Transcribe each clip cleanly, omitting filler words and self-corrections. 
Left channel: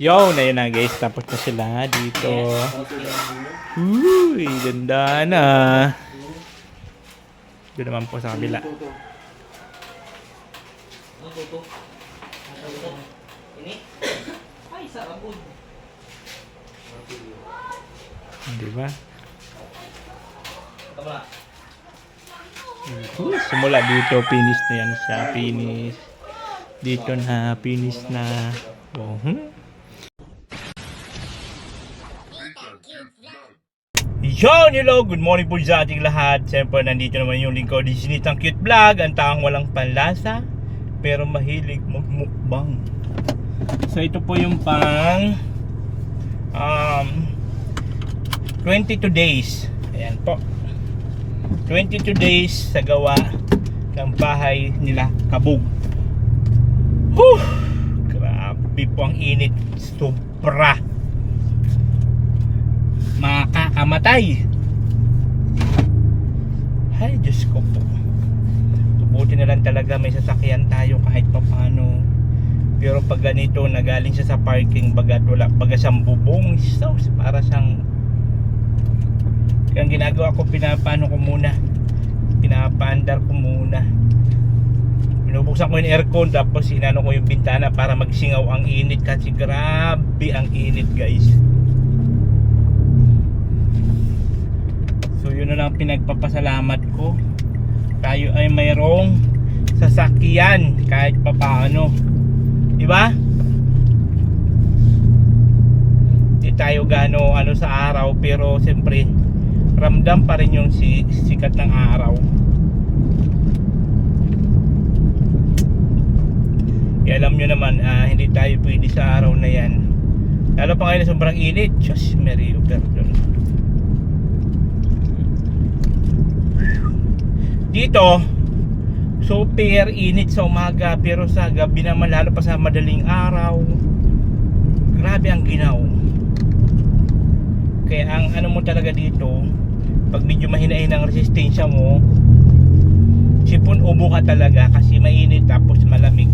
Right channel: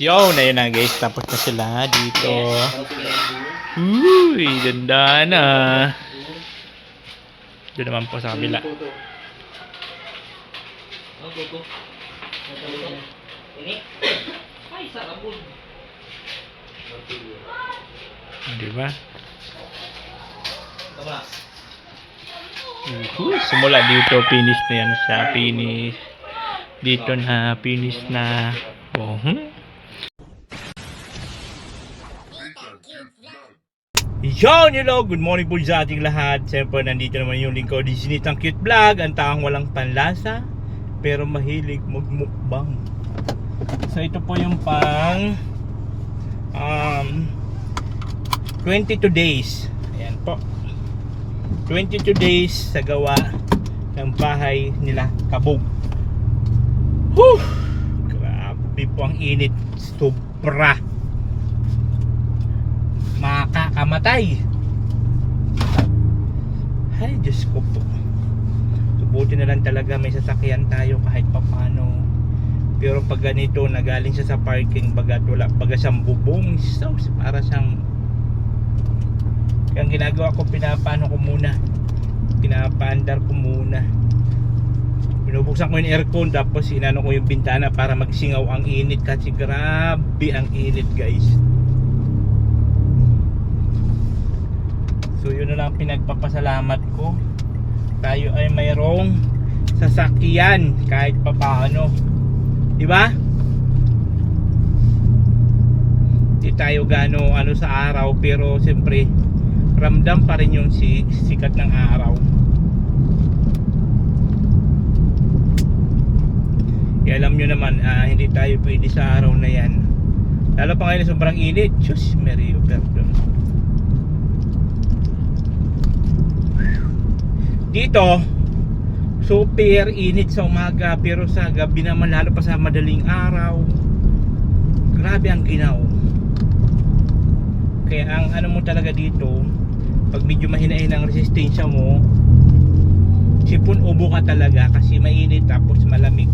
Yo, na yun na guys. Tapos na sila dito. Uy, ganda na. Doon naman po sa kabila. Diba? Simula dito, finish na yan siya. Finish. Dito na, finish na. Oh, Hello, good morning po sa ating lahat. Siyempre, nandito naman yung lingkod ni Sinitang Cute Vlog. Ang taong walang panlasa, pero mahilig magmukbang. So, ito po yung pang 22 days. Ayan po. 22 days sa gawa ng bahay nila Kabog. Whew! Grabe po ang init. Sobra. Makakamatay. Ay, Diyos ko po. Buti na lang talaga may sasakyan tayo kahit papano. Pero pag ganito na galing siya sa parking, bagat wala, baga siyang bubong. So, para siyang yung ginagawa ko, pinapaano ko muna, pinapaandar ko muna, binubuksan ko yung aircon, tapos inano ko yung bintana para magsingaw ang init kasi grabe ang init guys. So yun na lang pinagpapasalamat ko, tayo ay mayroong sasakyan kahit papaano, di ba? Di tayo gano ano sa araw, pero siyempre ramdam pa rin yung sikat ng araw. Alam nyo naman, hindi tayo pwede sa araw na yan, lalo pa ngayon sobrang init. Diyos, Mary, pardon. Dito super init sa umaga, pero sa gabi naman, lalo pa sa madaling araw, grabe ang ginaw. Kaya ang ano mo talaga dito, pag medyo mahina-hina ang resistensya mo, sipon ubo ka talaga kasi mainit tapos malamig.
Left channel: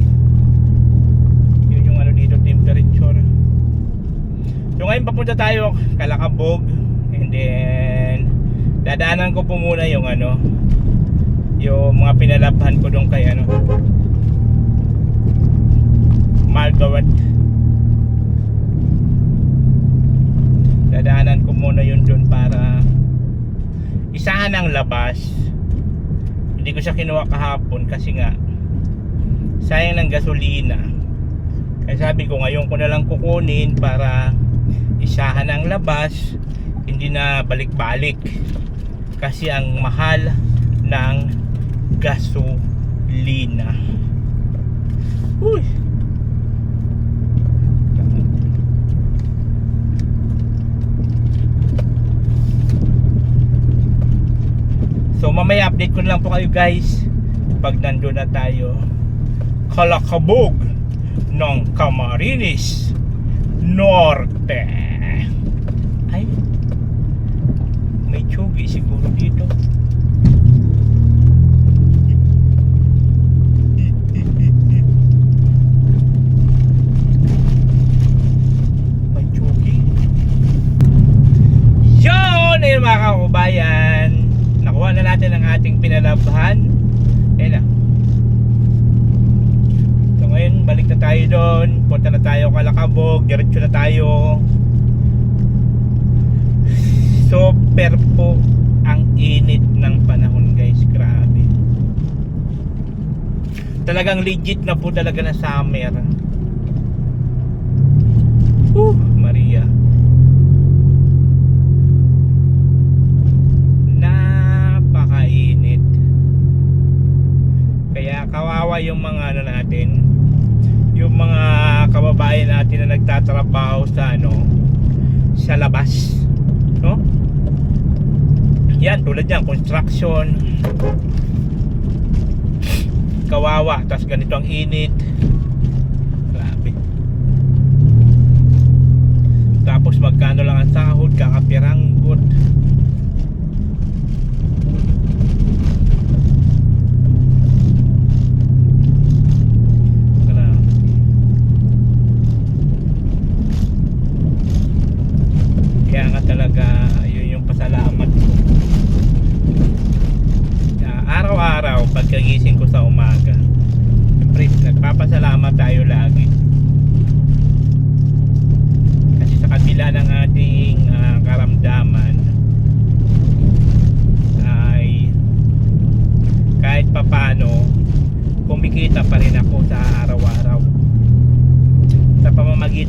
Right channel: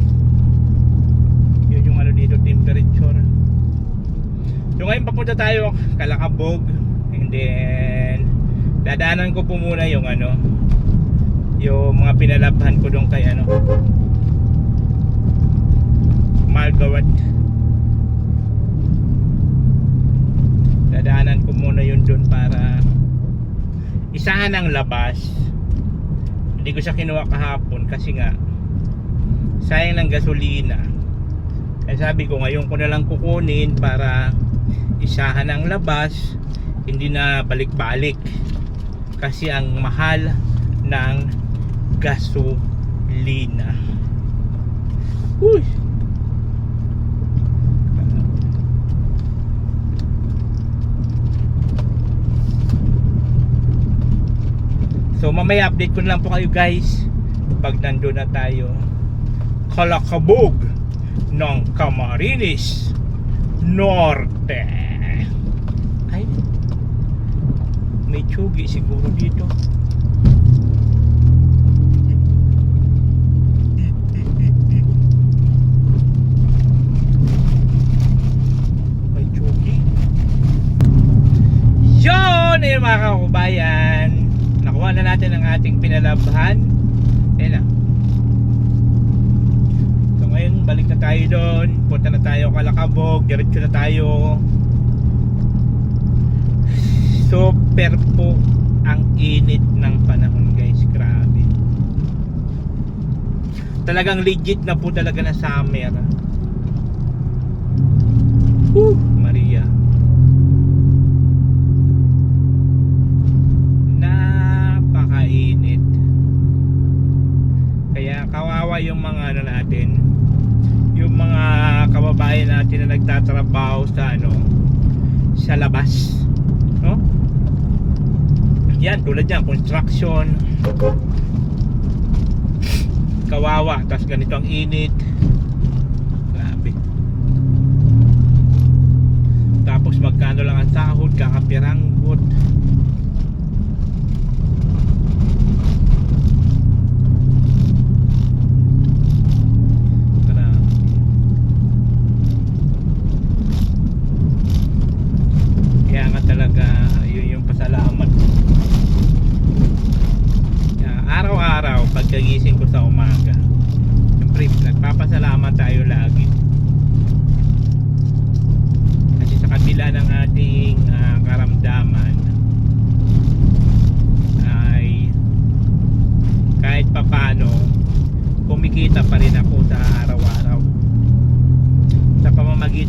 Yun yung ano dito, temperature. So ngayon papunta tayo Kalakabog, and then dadaanan ko po muna yung ano, yung mga pinalabhan ko doon kay ano, Margaret. Dadaanan ko muna yun doon para isahan ang labas. Hindi ko siya kinuha kahapon kasi nga sayang ng gasolina. Kaya sabi ko ngayon ko na lang kukunin para isahan ang labas, hindi na balik-balik kasi ang mahal ng gasolina. Uy! So mamaya update ko na lang po kayo guys pag nandun na tayo Kalakabog ng Camarines Norte. Ay, may tsugi siguro dito. May tsugi. Yun! Ayun mga kakubayan, nakuha na natin ang ating pinalabhan. Ayan na. So ngayon balik na tayo doon, punta na tayo Kalakabog, diretso na tayo. Super po ang init ng panahon guys, grabe. Talagang legit na po talaga na summer. Maria, napakainit. Kaya kawawa yung mga ano natin, yung mga kababayan natin na nagtatrabaho sa ano, sa labas, no? Yan, tulad yan, construction. Kawawa, tapos ganito ang init. Grabe. Tapos magkano lang ang sahod, kakapiranggot. Grabe.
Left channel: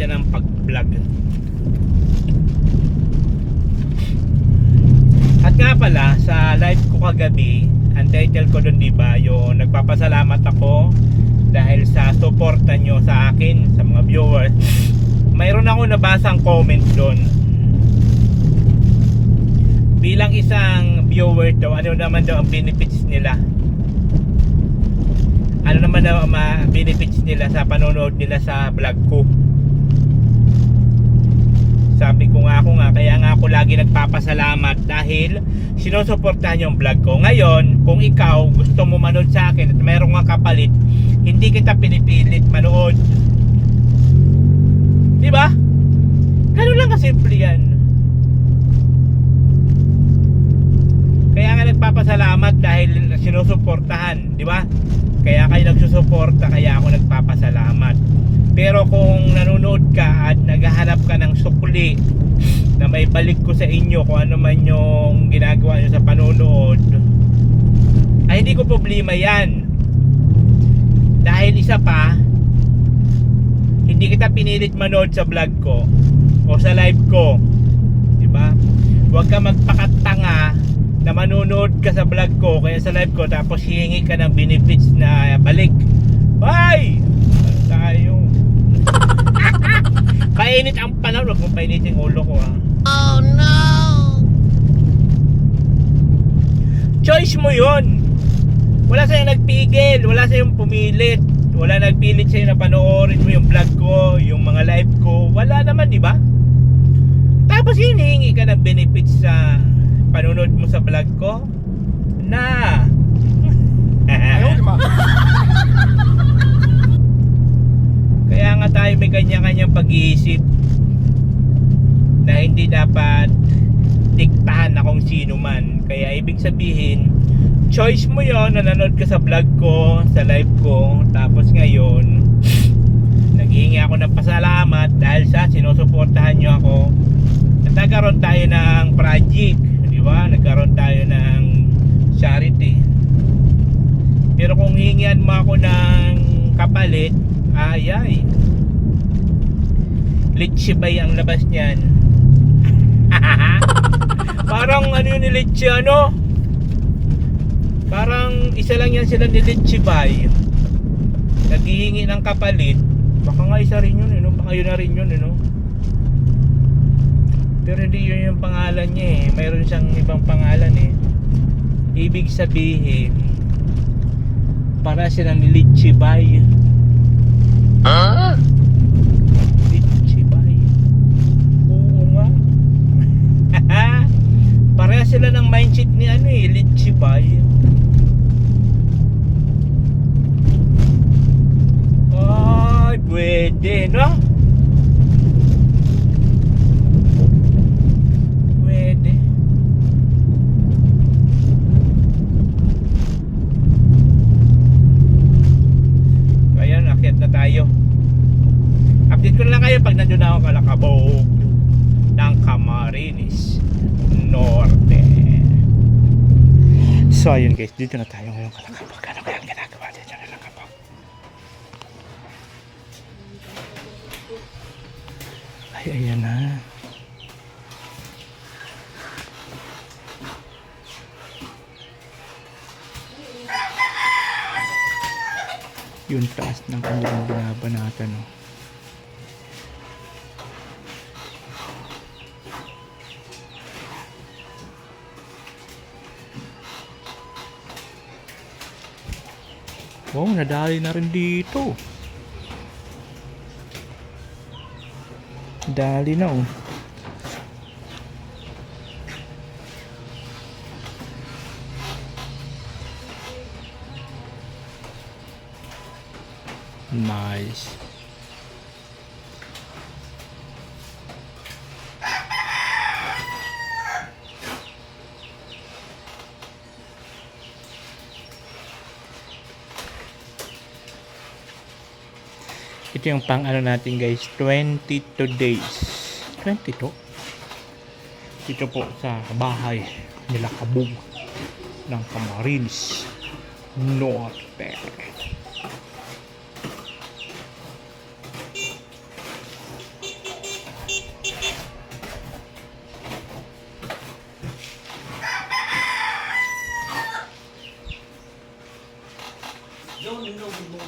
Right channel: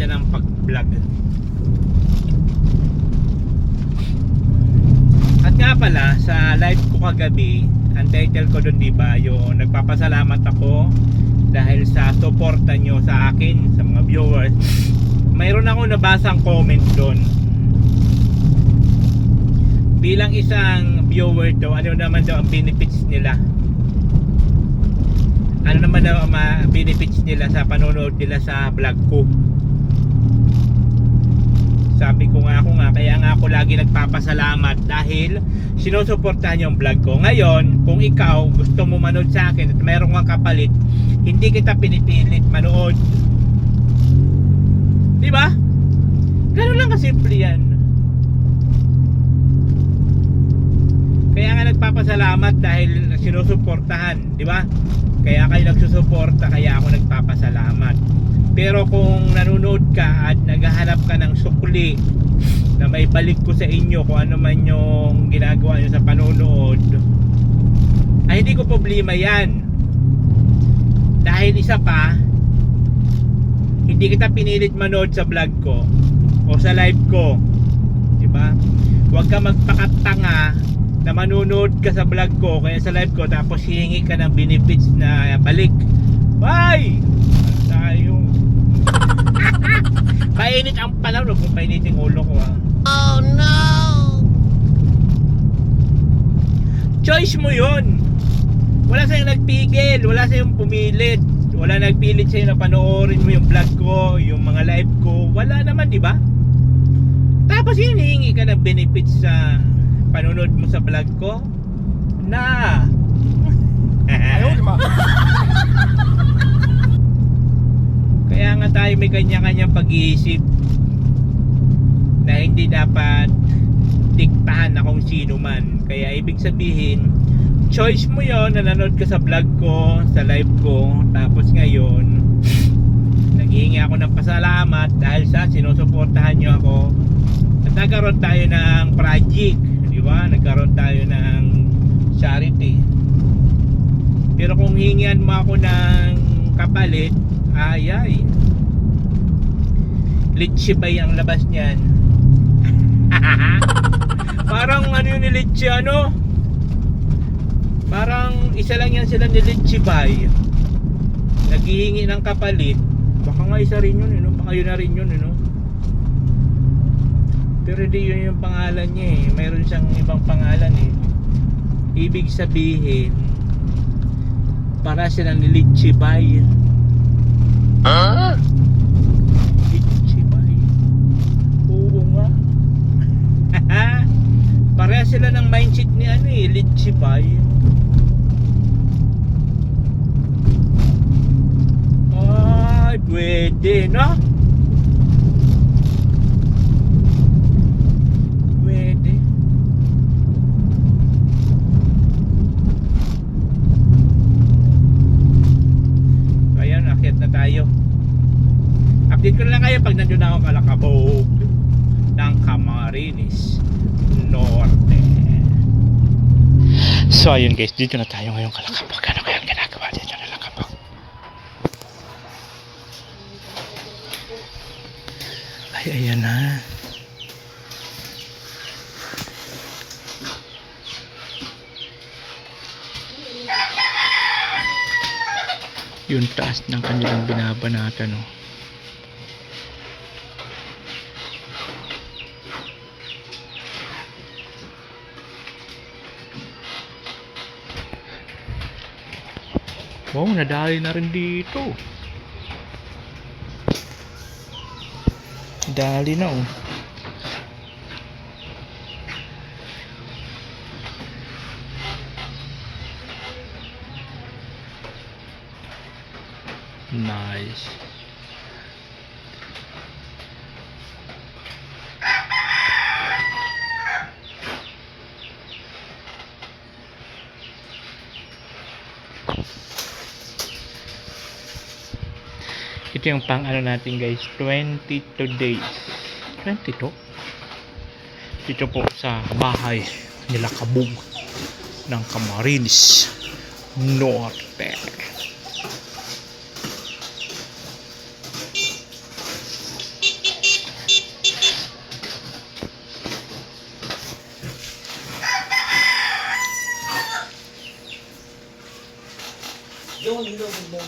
ka ng pag-vlog. At nga pala, sa live ko kagabi, ang title ko doon, diba, yung nagpapasalamat ako dahil sa suporta nyo sa akin, sa mga viewers. Mayroon ako nabasang comment doon. Bilang isang viewer daw, ano naman daw ang benefits nila? Ano naman daw ang benefits nila sa panonood nila sa vlog ko? Sabi ko nga, kaya nga ako lagi nagpapasalamat dahil sinusuportahan yung vlog ko. Ngayon, kung ikaw gusto mo manood sa akin at mayroong kang kapalit, hindi kita pinipilit manood. Diba? Ganun lang kasimple yan. Kaya nga nagpapasalamat dahil sinusuportahan, di ba? Kaya kayo nagsusuporta, kaya ako nagpapasalamat. Pero kung nanonood ka at naghahanap ka ng sukli na may balik ko sa inyo kung ano man yung ginagawa nyo sa panonood, ay hindi ko problema yan. Dahil isa pa, hindi kita pinilit manood sa vlog ko o sa live ko, di ba? Huwag ka magpakatanga na manonood ka sa vlog ko kaya sa live ko tapos hihingi ka ng benefits na balik. Ay! Ano tayo? Painit ang panahon. Huwag mong painit yung ulo ko, ha? Oh no! Choice mo yun. Wala sa'yong nagpigil, wala sa'yong pumilit, wala nagpilit sa'yo na panoorin mo yung vlog ko, yung mga live ko. Wala naman, di ba? Tapos hinihingi ka ng benefits sa panonood mo sa vlog ko na ayaw, di ba? Kaya nga tayo may kanya-kanyang pag-iisip na hindi dapat diktahan na kung sino man. Kaya ibig sabihin, choice mo yon, nanonood ka sa vlog ko, sa live ko, tapos ngayon naghihingi ako ng pasalamat dahil sa sinusuportahan nyo ako at nagkaroon tayo ng project, di ba? Nagkaroon tayo ng charity. Pero kung hingian mo ako ng kapalit, ayay, litsibay ang labas niyan. Parang ano ni litsi, ano? Parang isa lang yan sila ni litsibay. Naghihingi ng kapalit. Baka nga isa rin yun, no? Baka yun na rin yun, no? Pero hindi yun yung pangalan niya, eh. Mayroon siyang ibang pangalan, eh. Ibig sabihin, para sila ni litsibay. Ah? Litsibay. Oo nga. Pareha sila ng mindset ni ano, eh, litsibay. Ay, pwede, no? Pwede. Ayan, akyat na tayo. Update ko na lang kayo pag nandun na ako Kalakabog ng Camarines Norte. So ayun guys, dito na tayo ngayon Kalakabog. Ano kaya ang ginagawa dito na Kalakabog? Ay, ayan na. Yung taas ng kanilang binabanatan, no? Wow, nadali na rin dito. Dali na, oh. Nice. Ito yung pang ano natin guys, 22 days. 22? Dito po sa bahay nila Kabog ng Camarines Norte.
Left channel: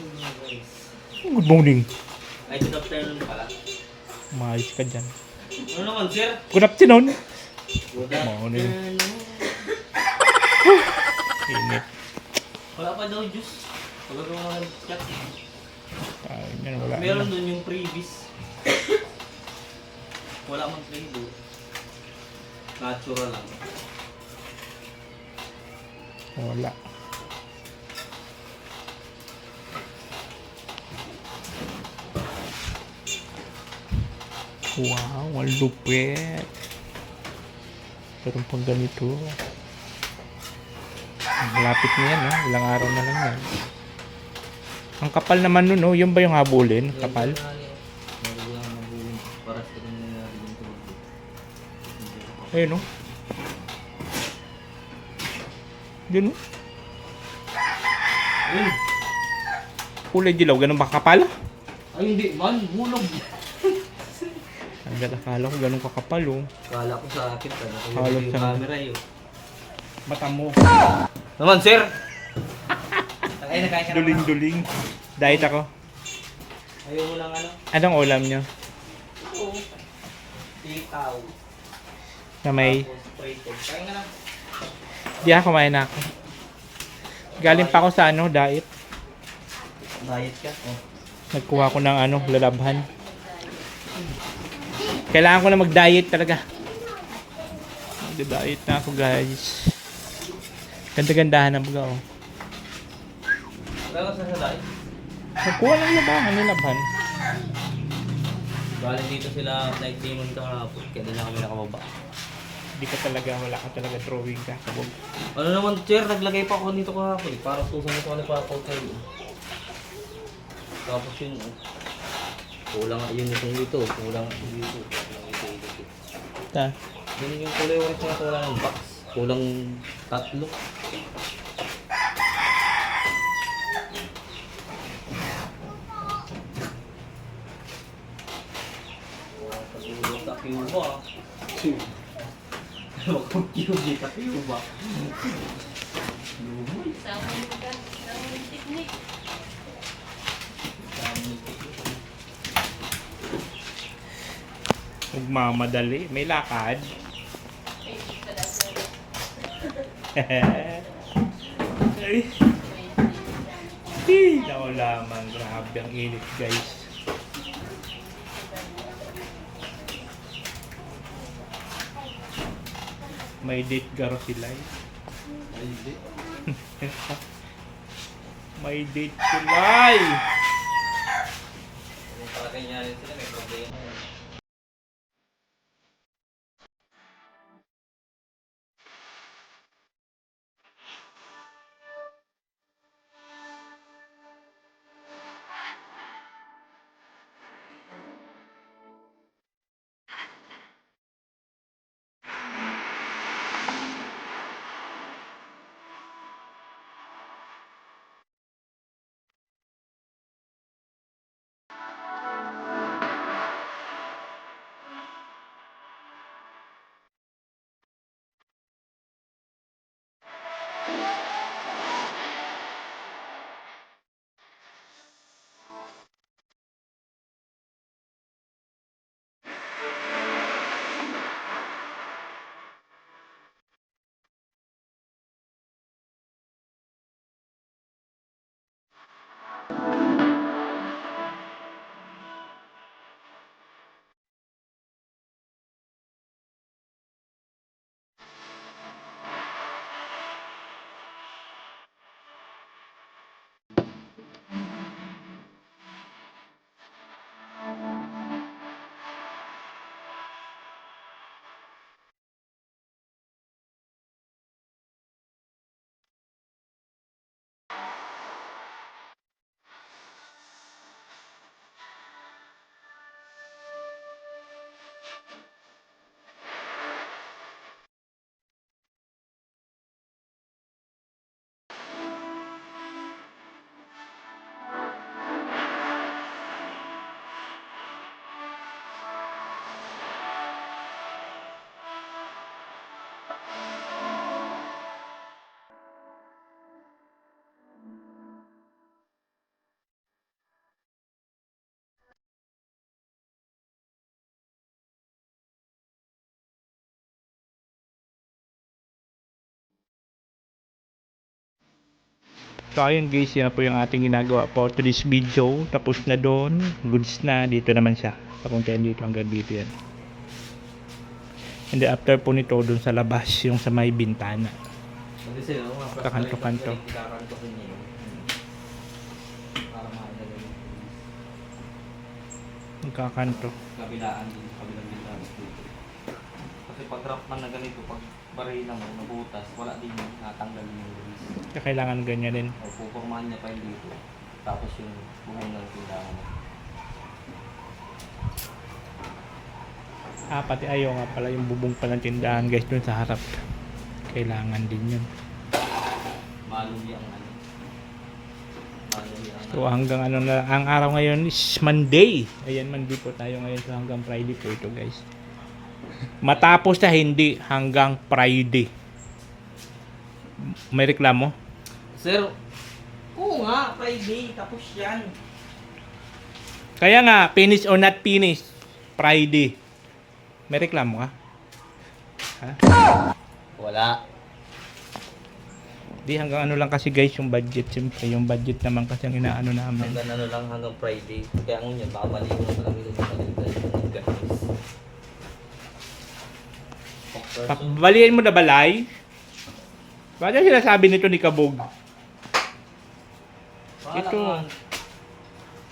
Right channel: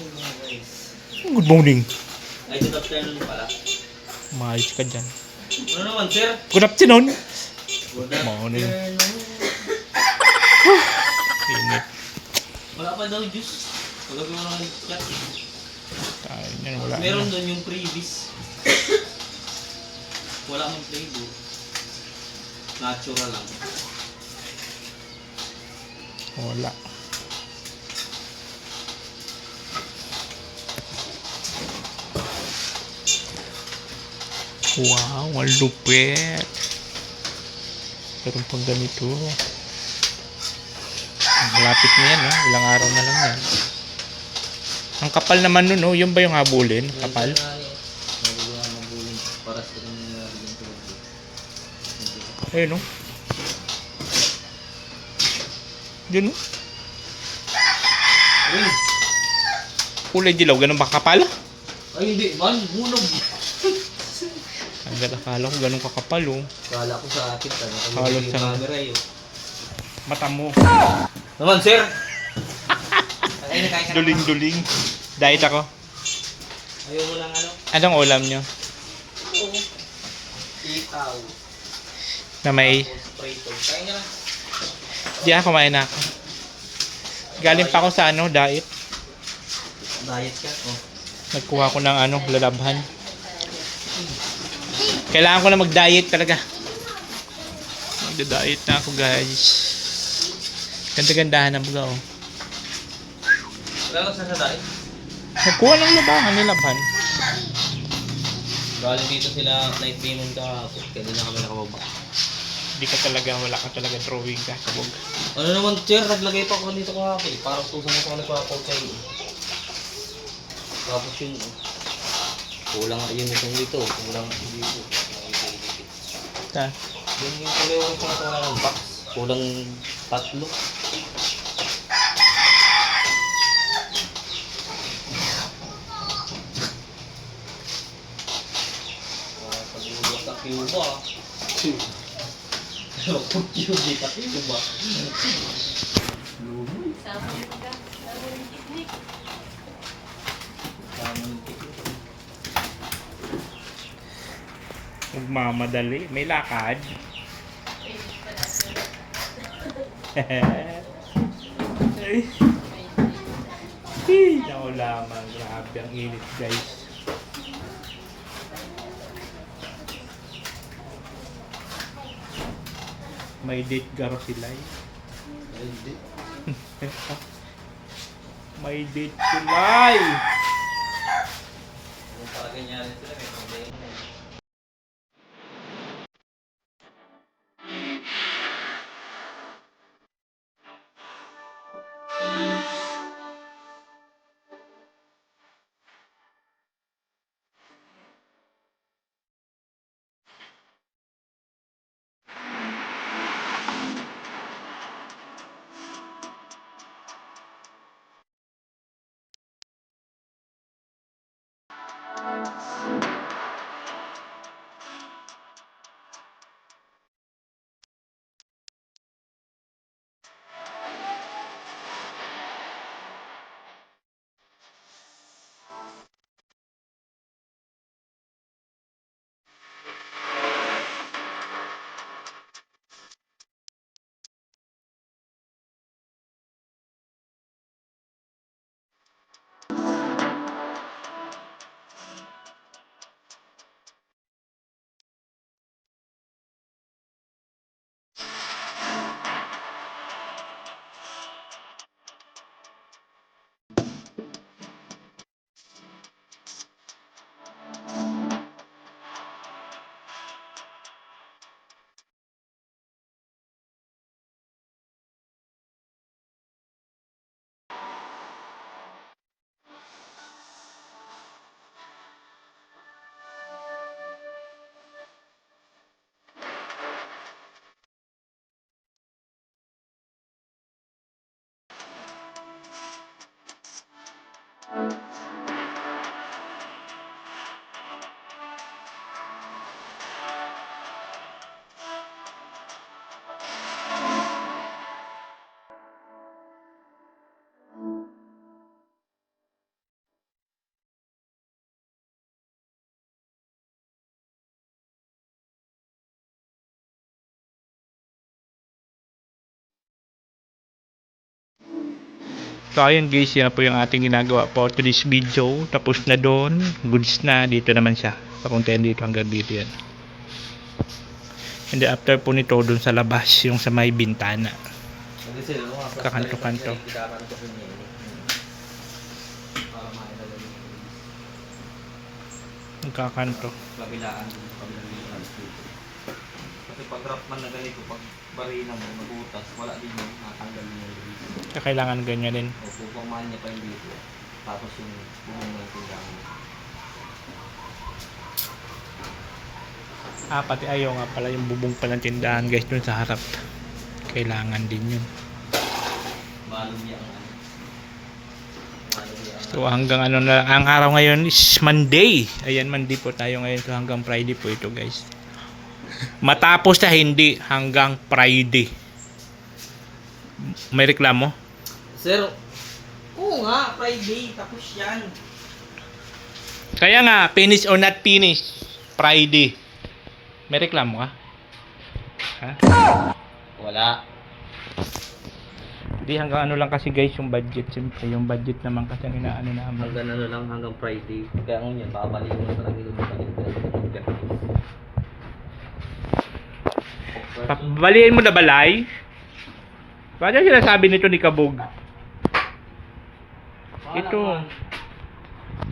Good morning. Ay, good afternoon pala. Maayos ka dyan. Ano naman, sir? Good afternoon. Good Morning. Init. Wala pa daw juice. Wala ko naman chat. Tayo niyan, wala Meron na. doon yung previous. Wala mong flavor. Natural lang. Wala. Wow, ang lupit. Meron pang ganito. Malapit na yan, no? Ilang araw na lang yan. Ang kapal naman nun, no? Yun ba yung habulin? Kapal? Mabulin. Para sa rin na yung tubig. Ayun, no? Yun, no? Ay! Kulay dilaw, ganun ba kapal? Ay, hindi man. Hulog. Ang akala ko ganun kakapal, oh. Kala ko sa akin. Halos yung sa- camera yun. Mata mo. Naman, sir! Ay, nakain ka naman. Duling-duling. Diet ako. Ayaw mo lang ano? Anong ulam niyo? Oo. Ikaw. Na may... Tapos prito. Kain ka lang. Di ako, kumain na ako. Galing pa ako sa ano, diet. Diet ka? Oh. Nagkuha ko ng ano, lalabhan. Kailangan ko na mag-diet talaga. Magda-diet na ako, guys. Ganda-gandahan ang buga, oh. Wala ka sa diet? Nagkuha ng labahan, nilabhan. Galing dito sila night payment kahapon. Kaya doon na kami nakababa. Hindi ka talaga, wala ka talaga drawing ka, sabog. Ano naman, sir? Naglagay pa ako dito kahapon. Parang tusan ko nagpa-post sa'yo. Tapos yung... kulang yun itong dito. Kulang dito. Ta. Yun yung kulay orange na kulang ng box. Kulang 3. Pag-ulot na Cuba. Cuba, ka Cuba. Lumoy. Huwag mamadali, may lakad. Ay. Ikaw lamang, grabe ang init, guys. May date garo sila eh. Ay, hindi. May date sila eh. Para ganyan sila, may problema. So ayun guys, yan po yung ating ginagawa for today's video. Tapos na doon, goods na, dito naman siya. Papuntayan dito hanggang dito yan. And then after po nito, doon sa labas, yung sa may bintana. Kakanto-kanto. Kakanto-kanto niya. Para makita lang yung Kakanto. kabilaan din, kabilang bilaan dito. Kasi pag rough man na ganito, pag barina mo, nabutas, wala din yung natanggal yung release. Kaya kailangan ganyan din. O pupormahan niya pa yung dito. Tapos yung bubong na yung tindahan. Pati ayaw nga pala yung bubong pa ng tindahan guys doon sa harap. Kailangan din yun. Malum niya ang ano. Malum niya ang So hanggang ano na, ang araw ngayon is Monday. Ayan, Monday po tayo ngayon. So hanggang Friday po ito guys. Matapos na hindi, hanggang Friday. May reklamo? Sir, oo nga, Friday, tapos yan. Kaya nga, finish or not finish, Friday. May reklamo ka? Ha? Wala. Di hanggang ano lang kasi guys yung budget. Siyempre yung budget naman kasi ang inaano namin. Hanggang ano lang, hanggang Friday. Kaya ang yan, baka maliw na lang dito sa kanila. Baliin mo na balay? Bakit sinasabi nito ni Kabog? Ito.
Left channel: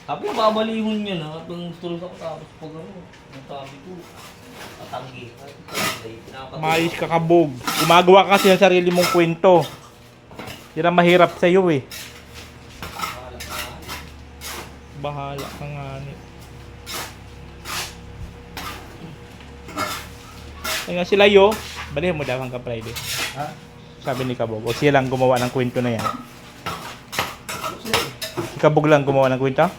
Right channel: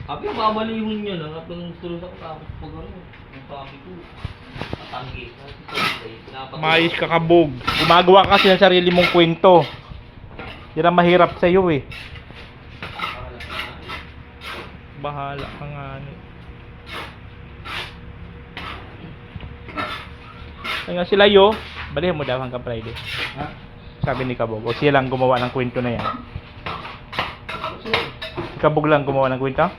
Sabi ko, babalihon niya na. At yung tulog ako tapos pag ano, yung sabi ko, tatanggi. Mayos ka Kabog. Gumagawa ka kasi ng sarili mong kwento. Yan ang mahirap sa'yo eh. Bahala ka nga ni. Kaya sila yo, balihin mo daw hanggang Friday. Ha? Sabi ni Kabog. O siya lang gumawa ng kwento na yan. Si Kabog lang gumawa ng kwento?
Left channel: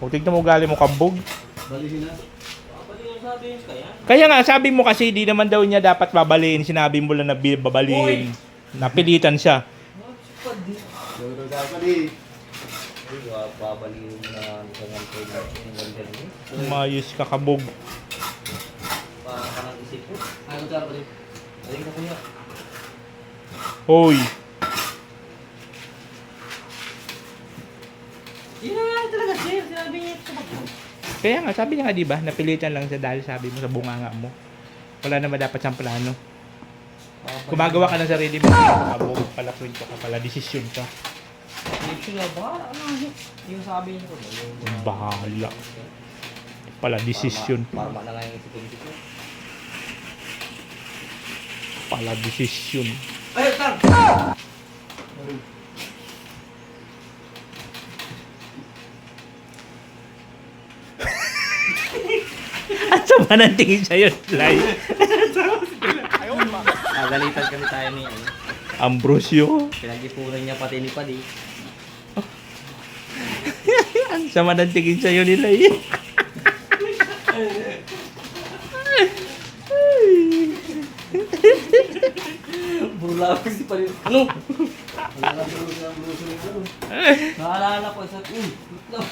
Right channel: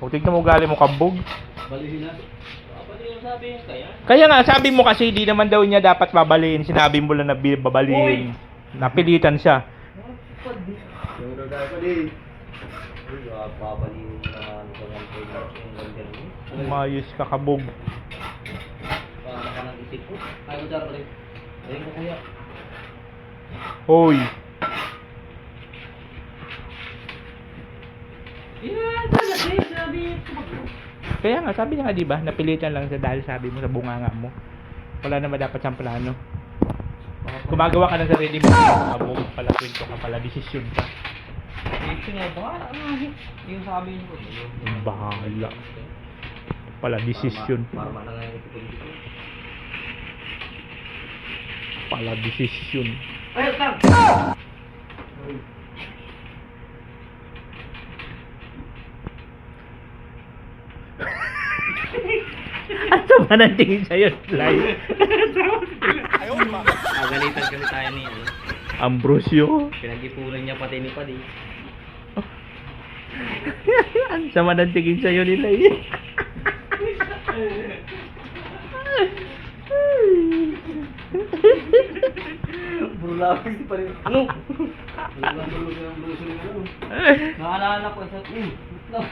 O tignan mo ugali mo Kabog. Balihin na. Babalihin sabi yun kaya? Kaya nga sabi mo kasi di naman daw niya dapat babalihin. Sinabi mo lang na babalihin. Napilitan siya. Babalihin na hanggang Friday. Umayos ka Kabog. Parang ka nang isip ko. Nagdar rin. Ayun ko kuya. Hoy. Yeah, talaga sir. Sabi niya. Kaya nga sabi niya nga di ba napilitan lang siya dahil sabi mo sa bunganga mo. Wala naman dapat siyang plano. Gumagawa ka ng sarili mo. Kabog pala kwento ka pala. Desisyon ka. Ito nga ba? Ano yung sabi niyo? Bahala. Pala desisyon. Parma na nga yung isipin ko. Pala desisyon. Ay, tang! At sama ng tingin sa'yo, Lai. Agalitan kami tayo ni ano. Ambrosio. Pinag-ipunan niya pati ni Padi. Ang sama ng tingin sa'yo ni Lai. Bula ako si Padi. Ano? Naalala ko isa. Lutlaw.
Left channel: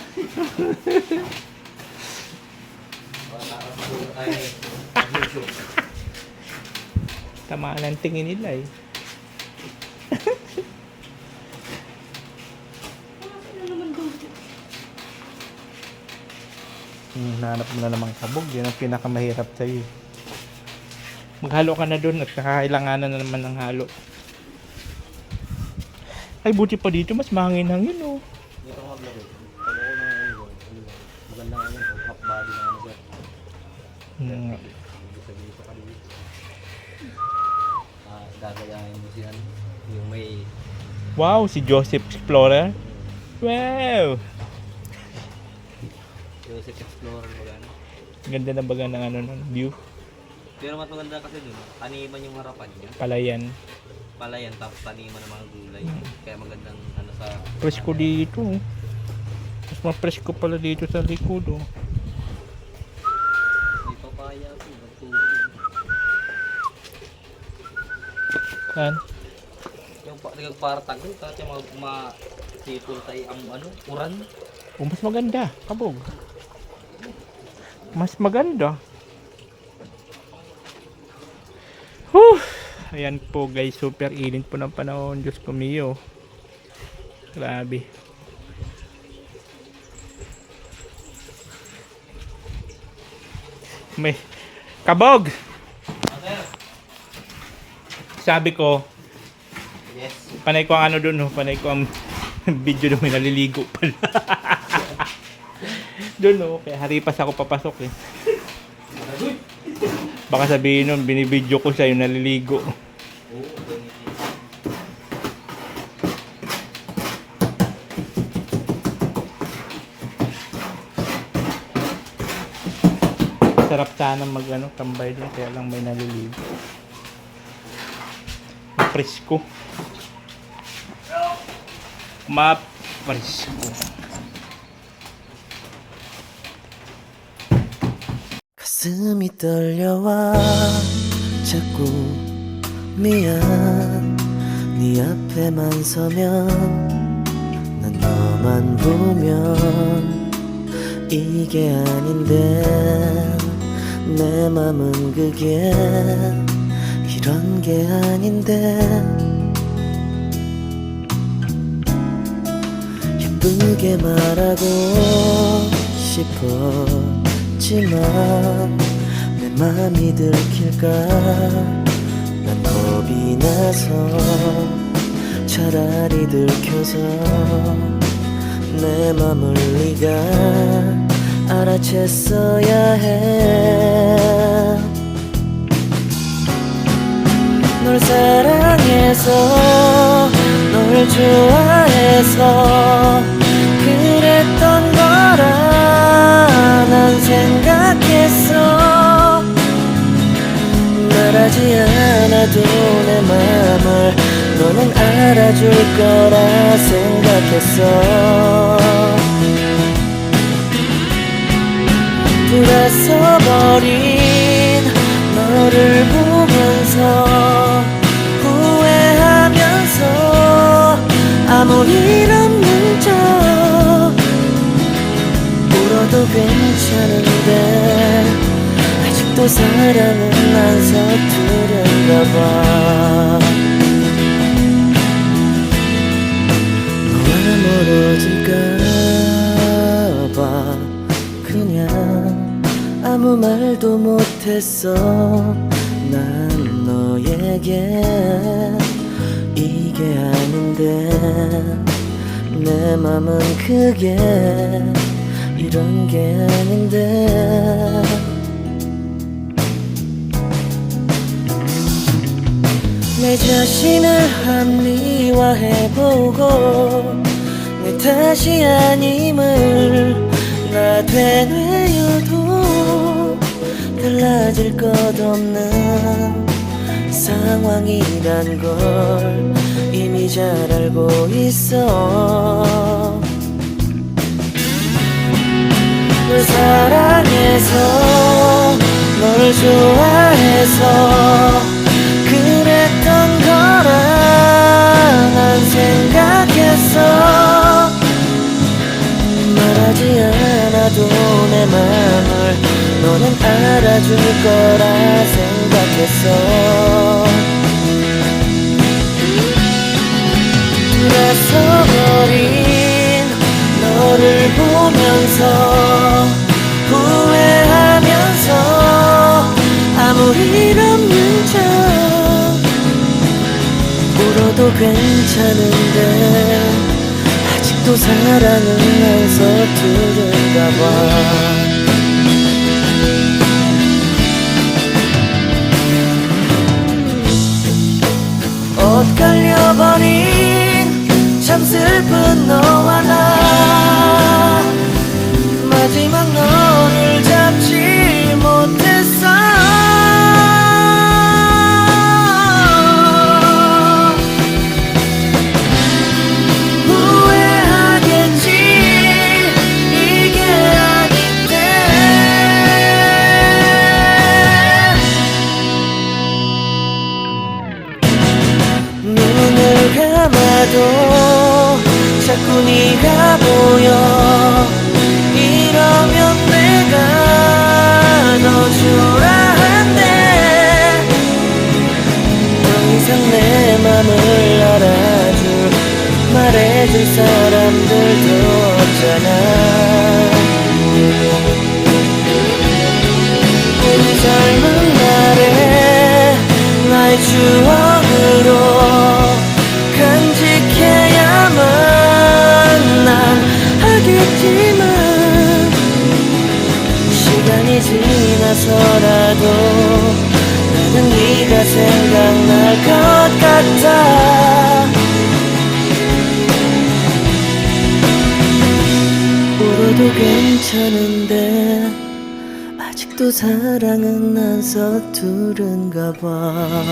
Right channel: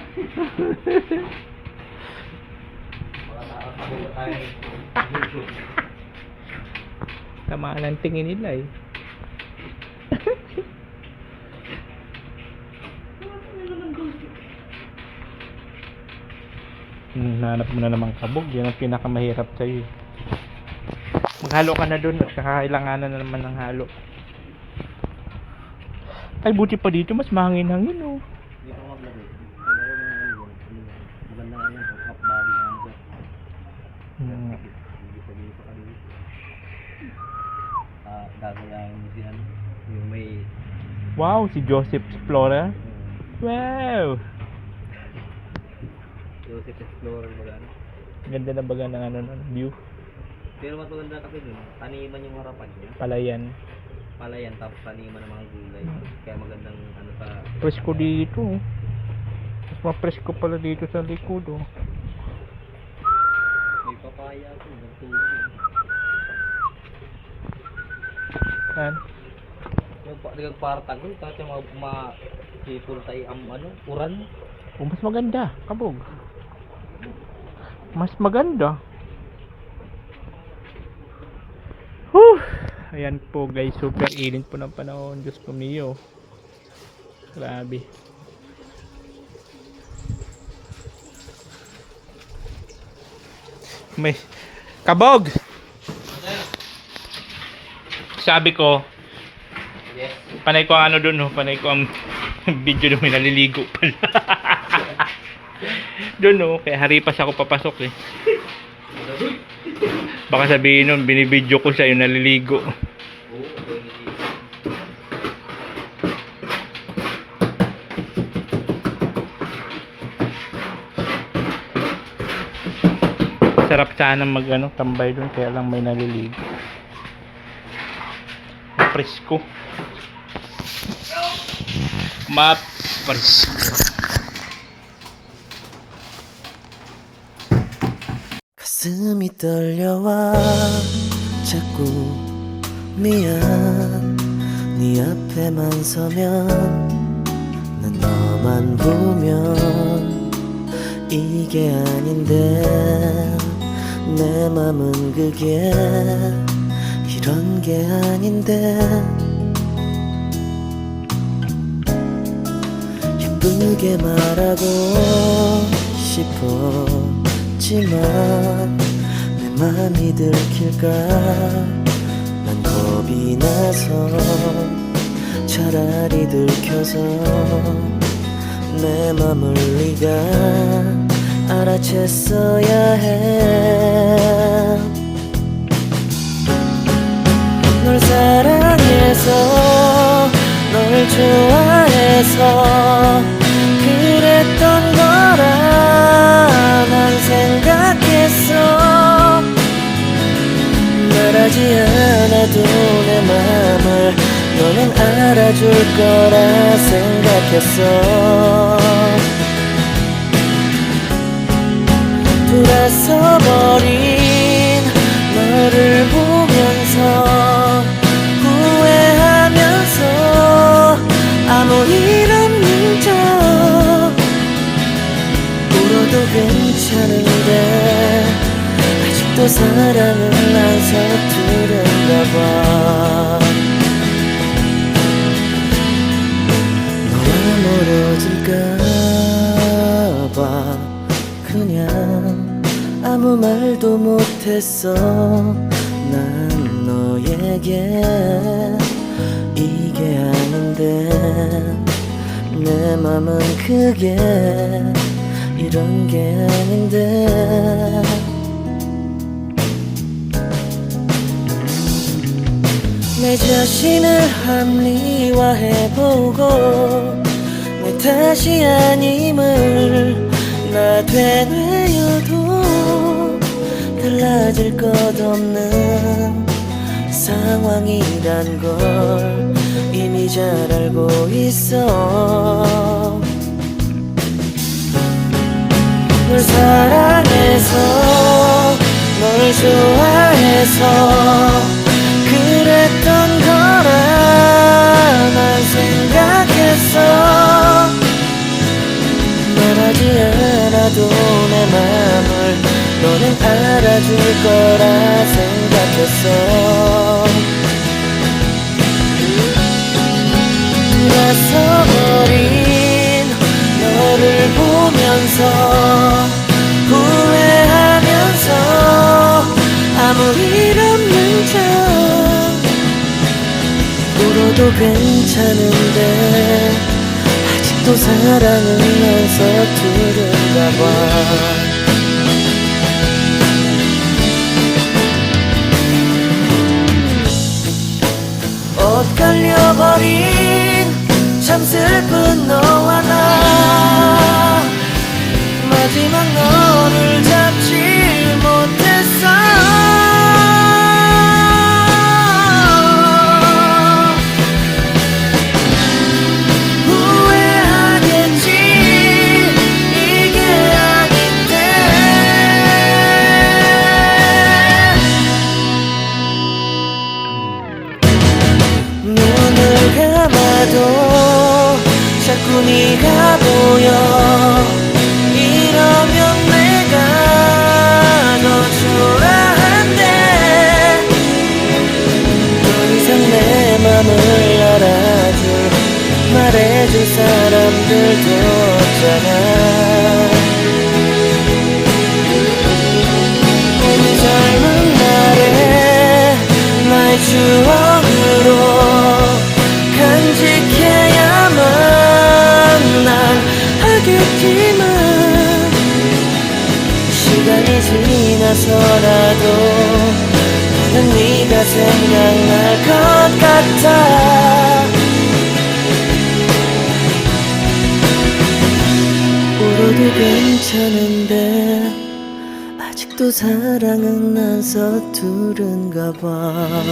Sama ng tingin ni Lai. Hanap mo na naman Kabog. Yan ang pinakamahirap sa'yo. Maghalo ka na dun at kakailanganan na naman ng halo. Ay, buti pa dito. Mas mahangin-hangin, oh. Dito ko maglagay. Pag ako na maganda nga yun. Half body na ano sir. Hmm. Dito ka rin. Gagayahin mo siya. Yung may... Wow, si Joseph Explorer. Wow! Joseph Explorer magana. Ganda na baga ng ano, ng view. Pero mas maganda kasi dun, taniman yung harapan niya. Palayan. Palayan tapos taniman ng mga gulay. Kaya magandang ano sa... Presko dito, oh. Mas mapresko pala dito sa likod, oh. May papaya ko, nagtulog. Yan. Yung para tagol, kasi ma-sipol tayo ang ano, uran. Oh, mas maganda, Kabog. Mas maganda. Ayan po guys, super init po ng panahon. Diyos ko mio. Grabe. May kabog. Sabi ko, Yes. panay ko ang ano doon, no? Panay ko ang video doon, may naliligo pala. Doon, no? Kaya haripas ako papasok eh. Baka sabihin nun, binibidyo ko siya yung naliligo. Sarap sana mag ano, tambay doon, kaya lang may naliligo. Presko. Presko. 가슴이 떨려와 자꾸 미안 네 앞에만 서면 난 너만 보면 이게 아닌데 내 맘은 그게 이런 게 아닌데 예쁘게 말하고 싶었지만 내 맘이 들킬까 난 겁이 나서 차라리 들켜서 내 맘을 네가 알아챘어야 해 널 사랑해서 널 좋아해서 그랬던 거라 난 생각했어 말하지 않아도 내 맘을 너는 알아줄 거라 생각했어 돌아서 버린 너를 보면서 후회하면서 아무 일 없는 척 울어도 괜찮은데 아직도 사랑은 안 서투른가 봐 너와 멀어질까 봐 그냥 아무 말도 못했어 난 너에게 이게 아닌데 내 맘은 그게 이런 게 아닌데 내 자신을 합리화해보고 내 탓이 아님을 나 되뇌어도 달라질 것 없는 상황이란 걸 이미 잘 알고 있어 널 사랑해서 널 좋아해서 그랬던 거라 난 생각했어 말하지 않아도 내 맘을 너는 알아줄 거라 생각했어 돌아서버린 너를 보면서 후회하면서 아무 일 없는 척 울어도 괜찮은데 아직도 사랑은 안 서투른가 봐 엇갈려버린 참 슬픈 너와 나 마지막 너를 잡지 못했어 후회하겠지 이게 아닌데 눈을 감아도 자꾸 네가 보여 이러면 내가 더 초라한데 더 이상 내 맘을 알아줄 말 말해줄 사람들도 없잖아. 우리 젊은 날에 나의 추억으로 간직해야만 난 하겠지만 시간이 지나서라도 나는 네가 생각날 것 같아. 울어도 괜찮은데 아직도 사랑은 난 서투른가 봐.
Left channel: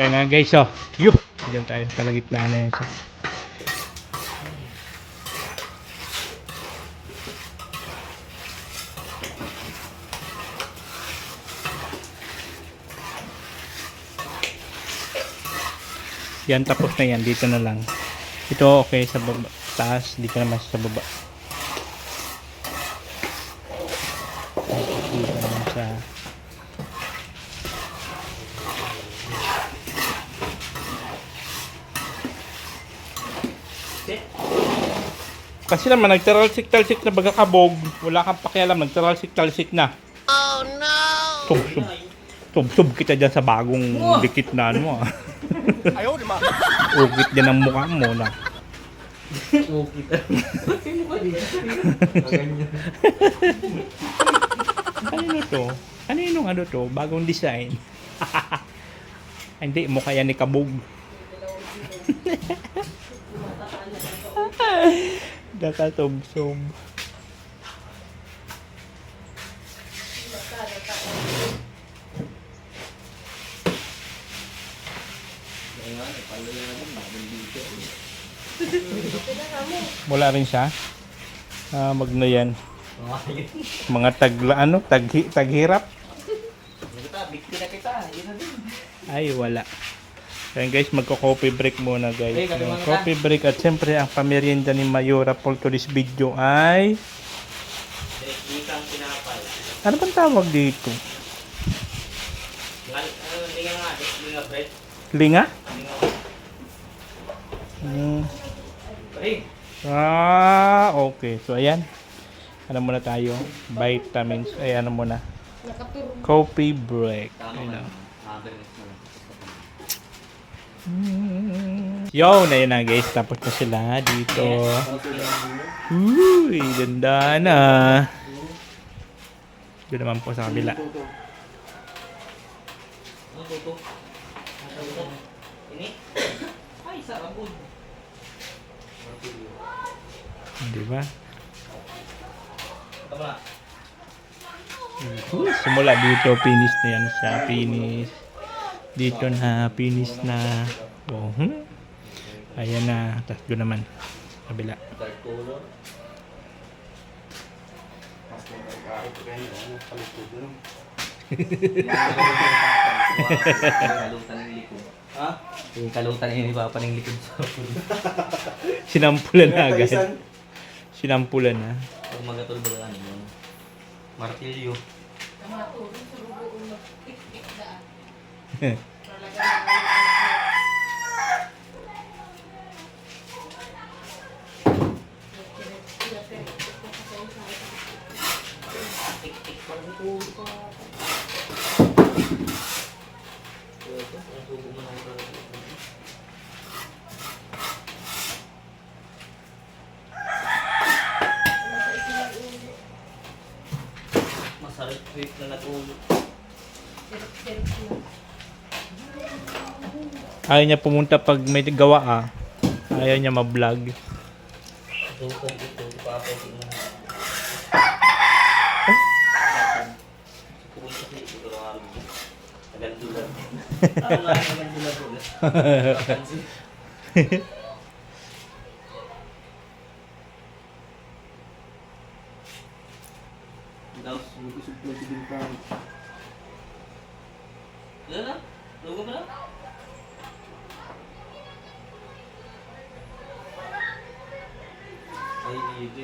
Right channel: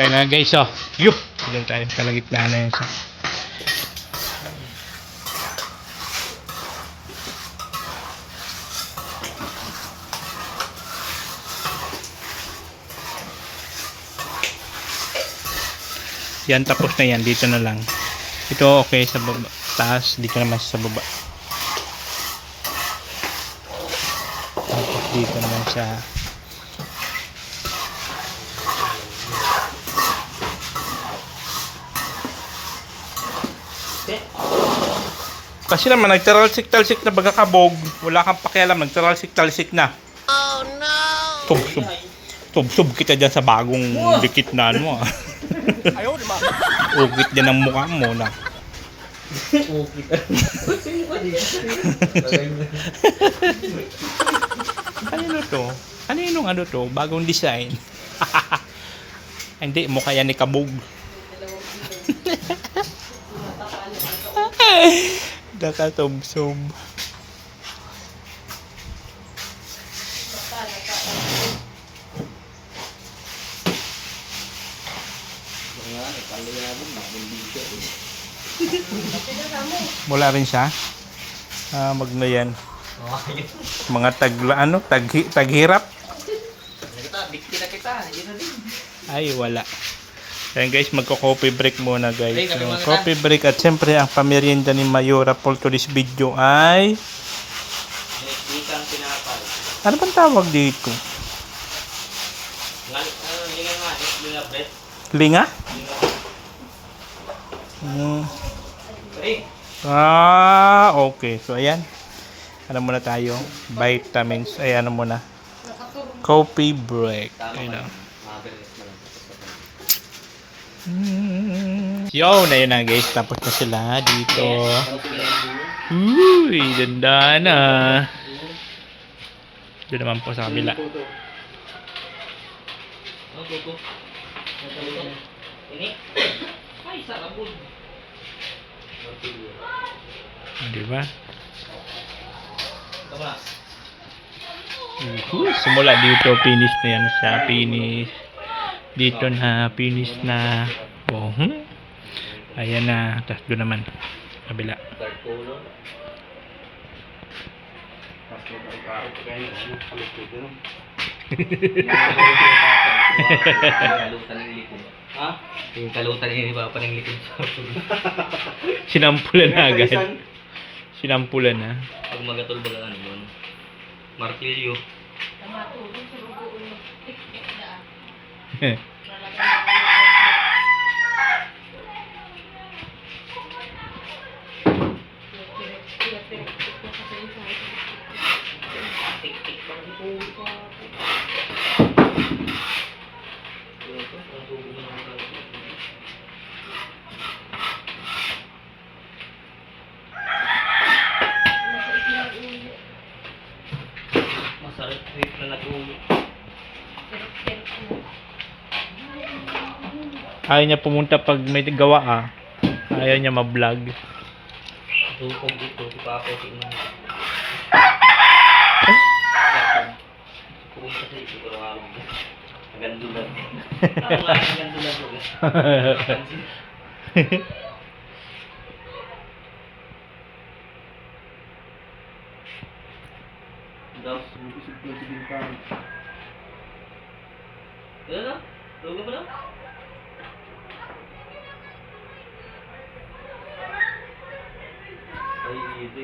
Kaya na guys, oh. Yuh! Diyan tayo, kalagitnaan na yun siya. Yan, tapos na yan. Dito na lang. Ito okay sa baba. Taas, dito naman sa baba. Tapos dito naman sa kasi naman nagtaralsik-talsik na bagakabog. Wala kang pakialam, nagtaralsik-talsik na. Oh no! Tub-sub. Tub-sub kita dyan sa bagong dikit na ano ah. Ayaw, di ba? Ugit din ang mukha mo na. Ugit. Kanino to? Kaninong ano to? Bagong design. Hindi, mukha yan ni Kabog. Nakatub-sub. Wala rin siya. Magno yan. Mga taghirap. Bikti na kita. Yun na din. Ay, wala. Ayan guys, magko-coffee break muna guys. Hey, So, coffee break at siyempre ang pamerienda ni Mayora for today's video ay Ikang pinapal. ano bang tawag dito? Linga nga. Linga bet. Linga? Hey. Okay. So ayan. Ano muna tayo? Vitamins. Ay ano muna? Coffee break. Ayun na. Yo, na yun na guys. Tapos na sila dito. Uy, ganda na. Doon naman po sa kabila. Ano tuto? Ano tuto? Ini? Ay, sarabod. Di ba? Ito na. Simula dito, finish na yan siya. Finish. Dito na, finish na. Oh, ayan na. Tapos doon naman. Kabila. Dark color. Kalutan ng likod. Ha? Yung kalutan ng iba pa ng likod sa Sinampulan na agad. Sinampulan na. pag magatulbagaan yun. Martilyo. Masarap trip na natulog. Ayaw niya pumunta pag may gawa Ayaw niya ma-vlog. Tukong ito, kapos ito. Pumunta sa ito, pero nagandulan. Ano nga nagandulan ko? Napansin. Daw, sumubusog na si Bilpang. Ano na? Lugo pa na? Ay, ito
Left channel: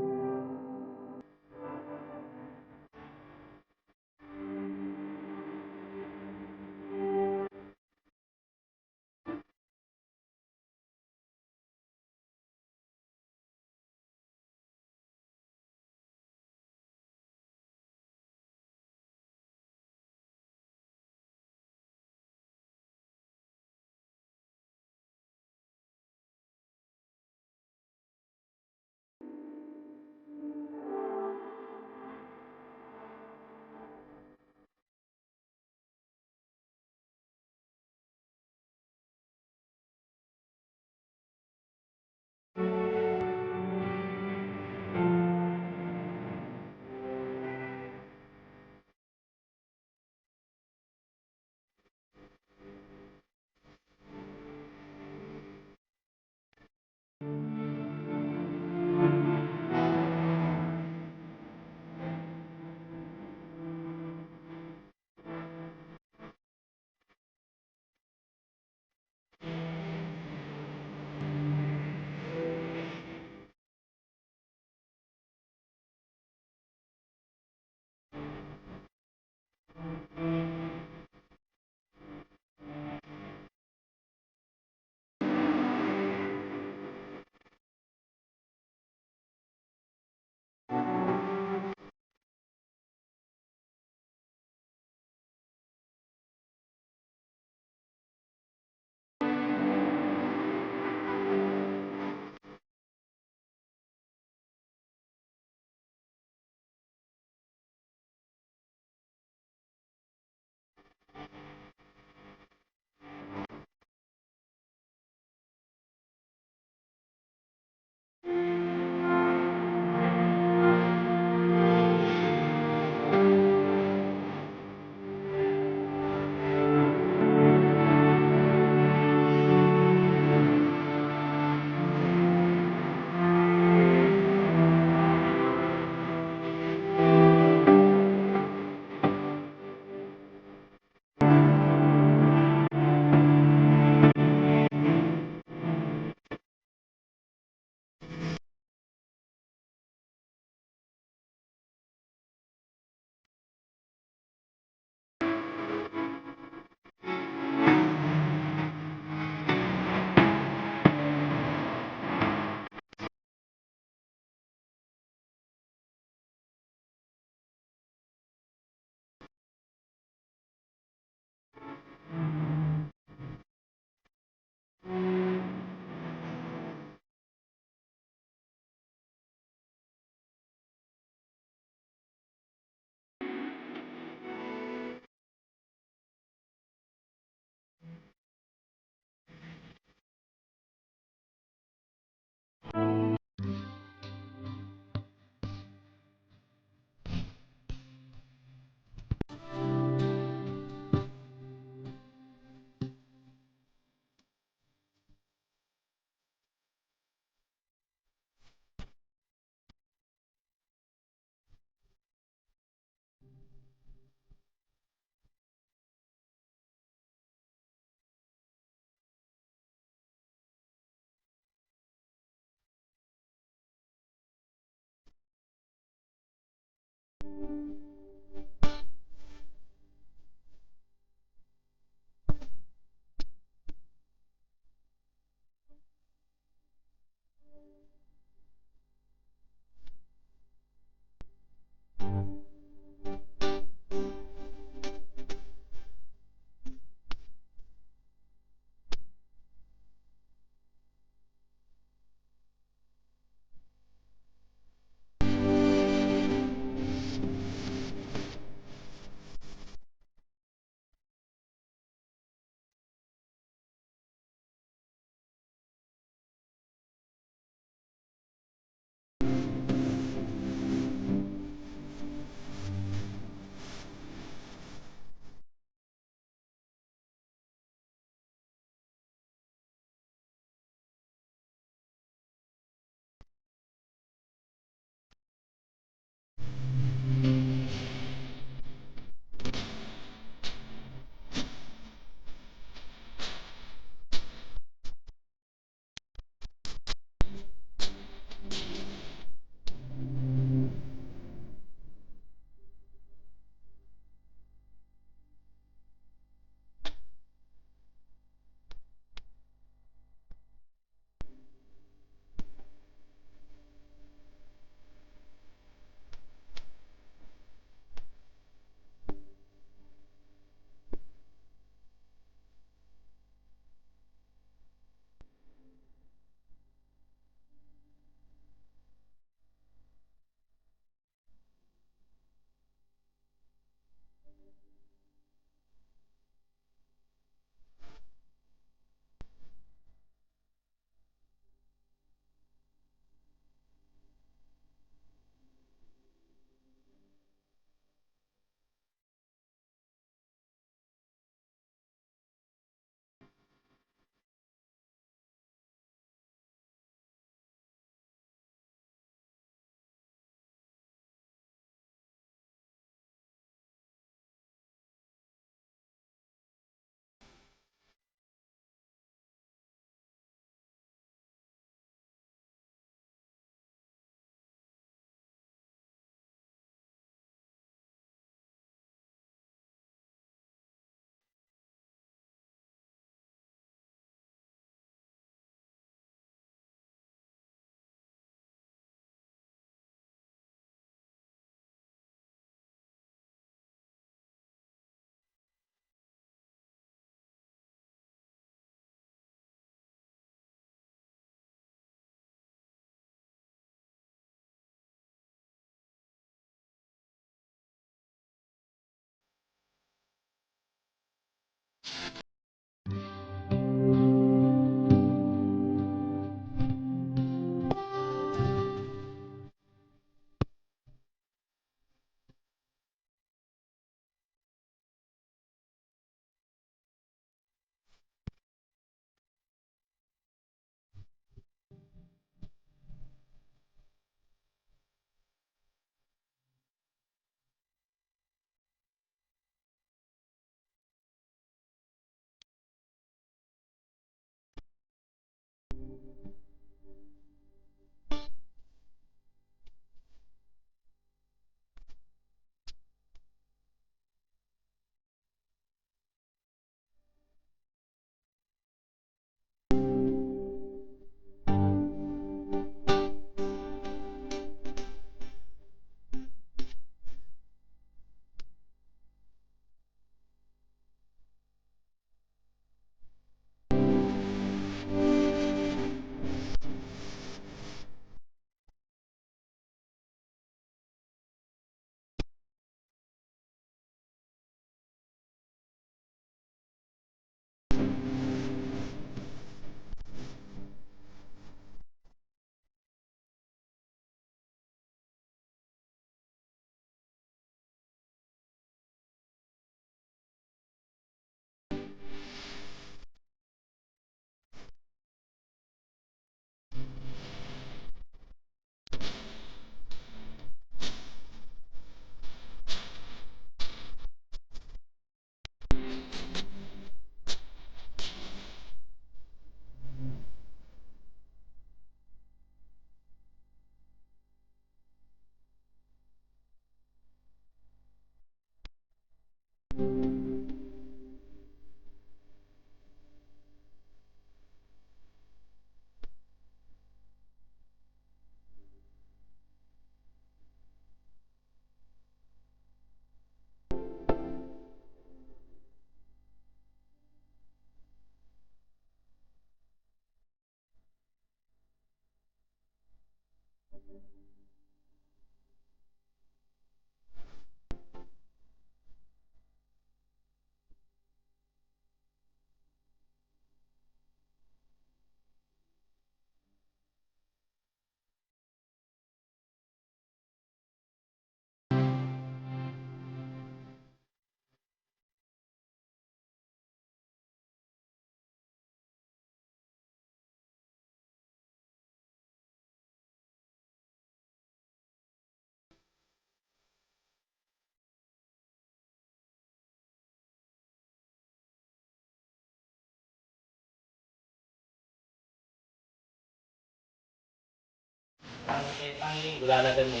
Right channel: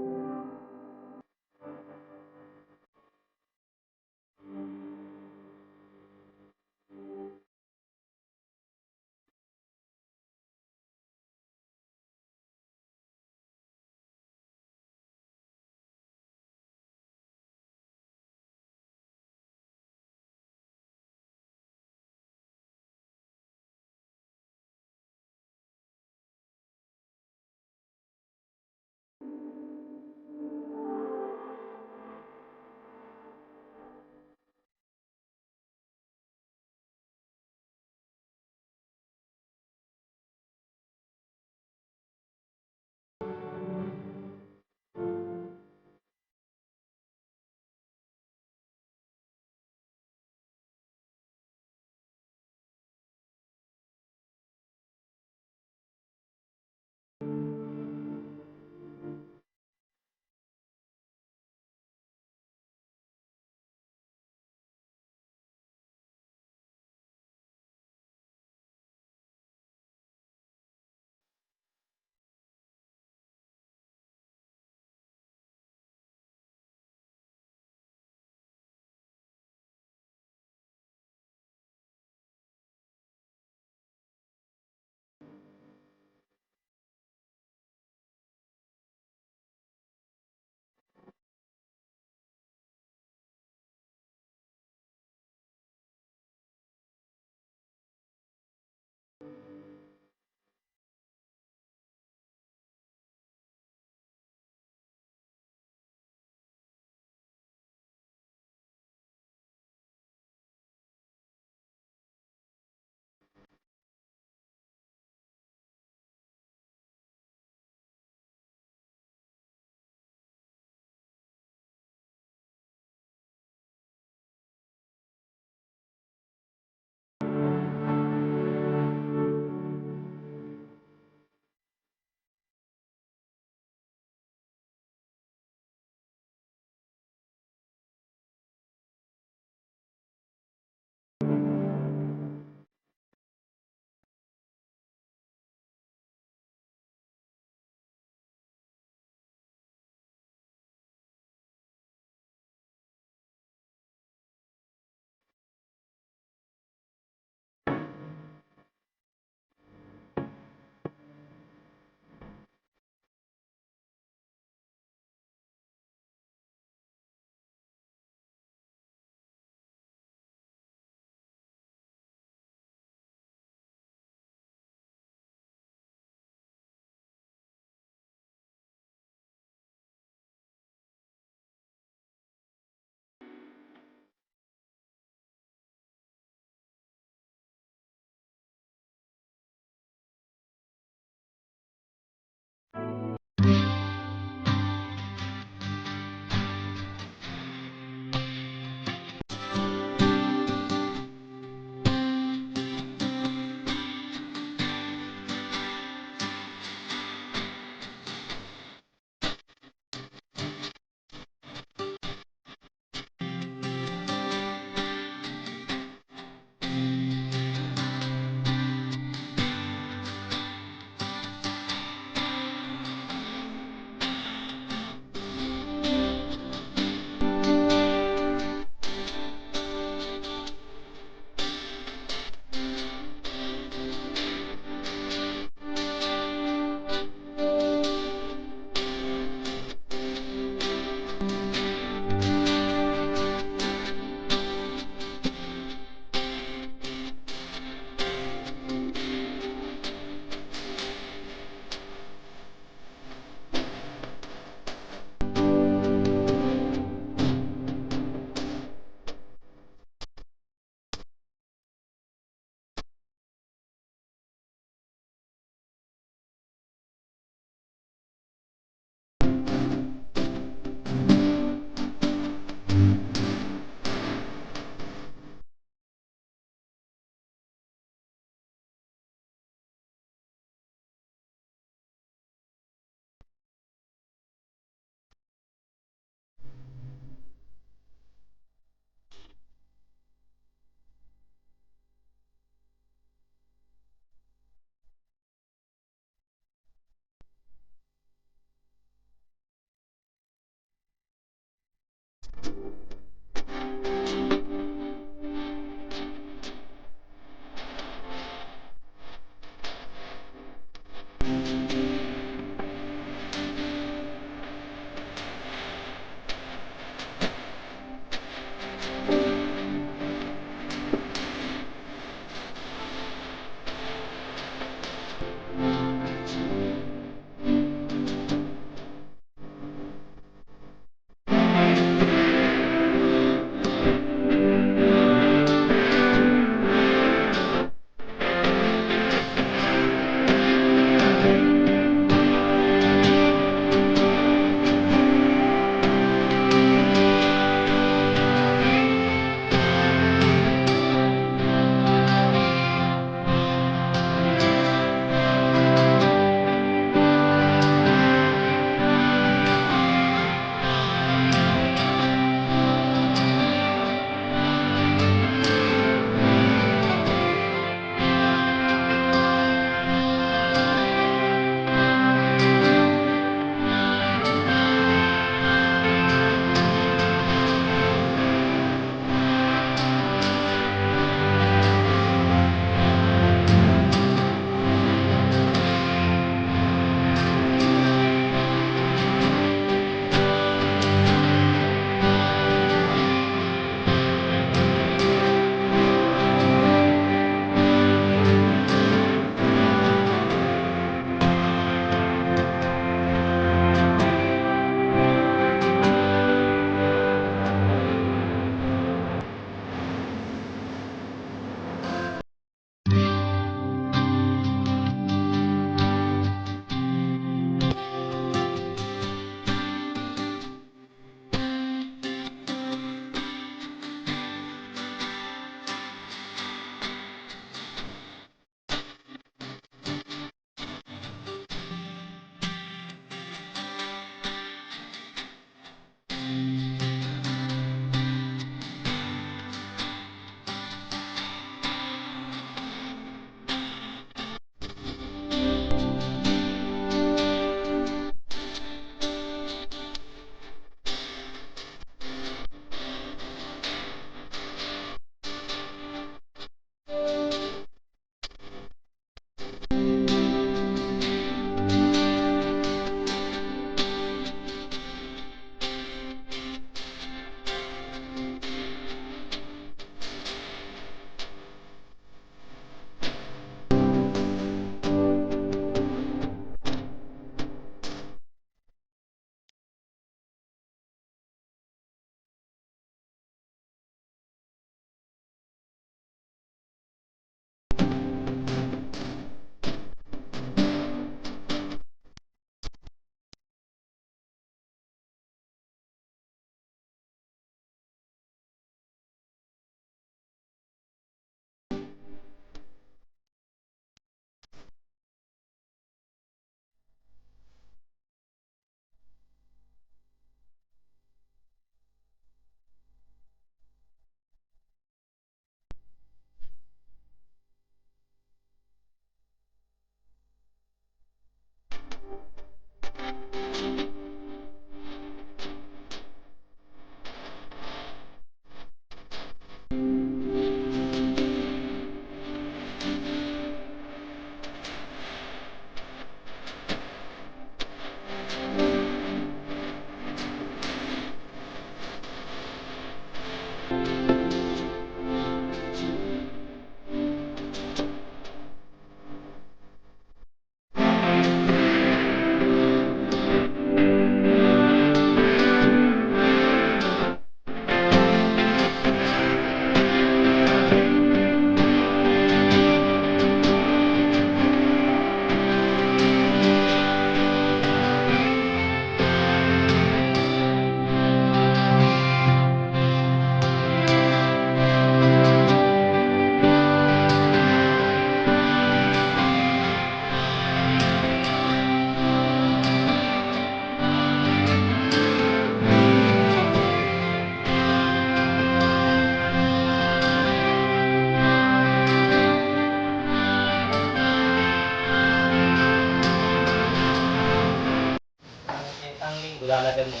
lalagyan mo.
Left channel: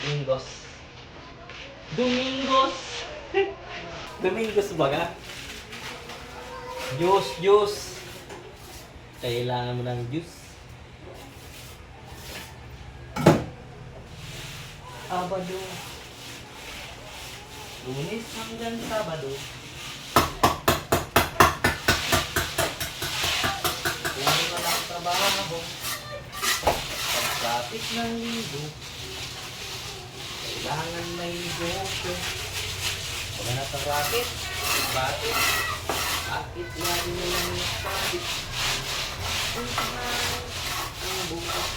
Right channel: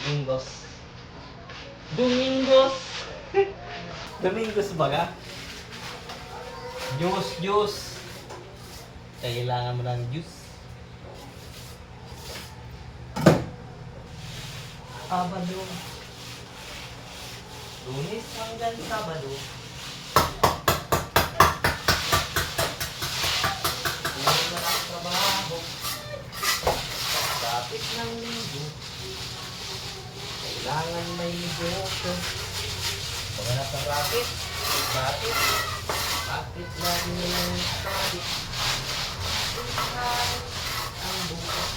Domingos. Domingos! Domingos ba ka? Juice. Kailangan mo ng juice. Sabado. Lunes hanggang Sabado. Puro na lang trabaho. Pagkapit ng linggo. Kailangan may negosyo. Pag na sa racket. Bakit lagi mo lang sabit? Ang bukas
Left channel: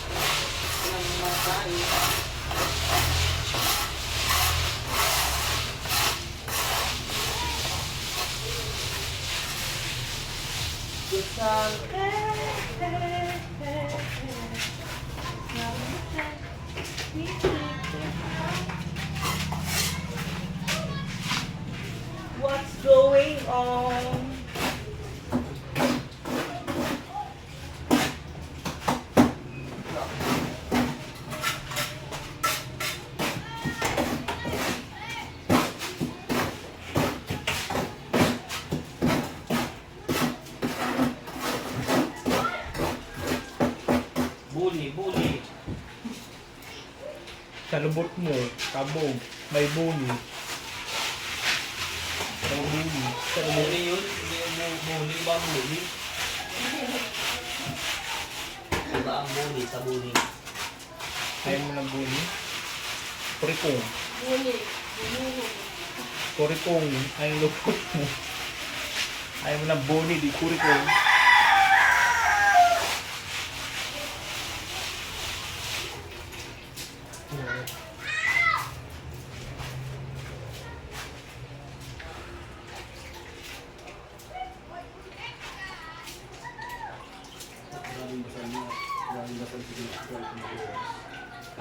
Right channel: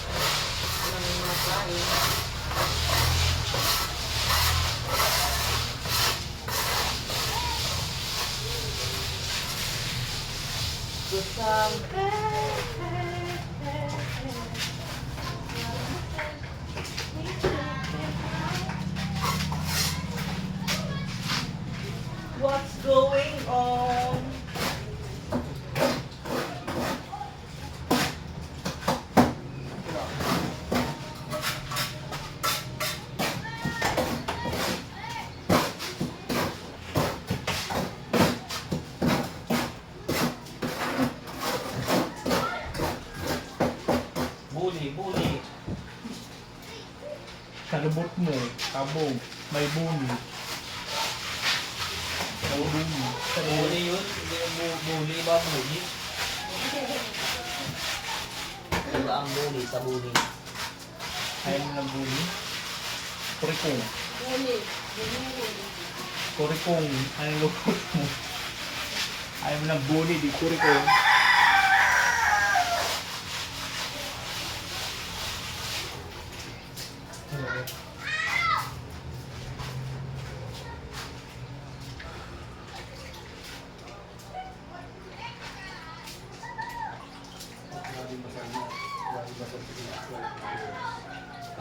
ang makain. What's going on? Buli. Sa lubot mo, kabog, may buni. May buni. Sa buli yun? Buli ba ang buli? Iba ang buli sa buli. Ayaw mo ng buni? Kurikong. Kurikong. Ay, lubot mo. Ayaw mo ng buni, di kurikong.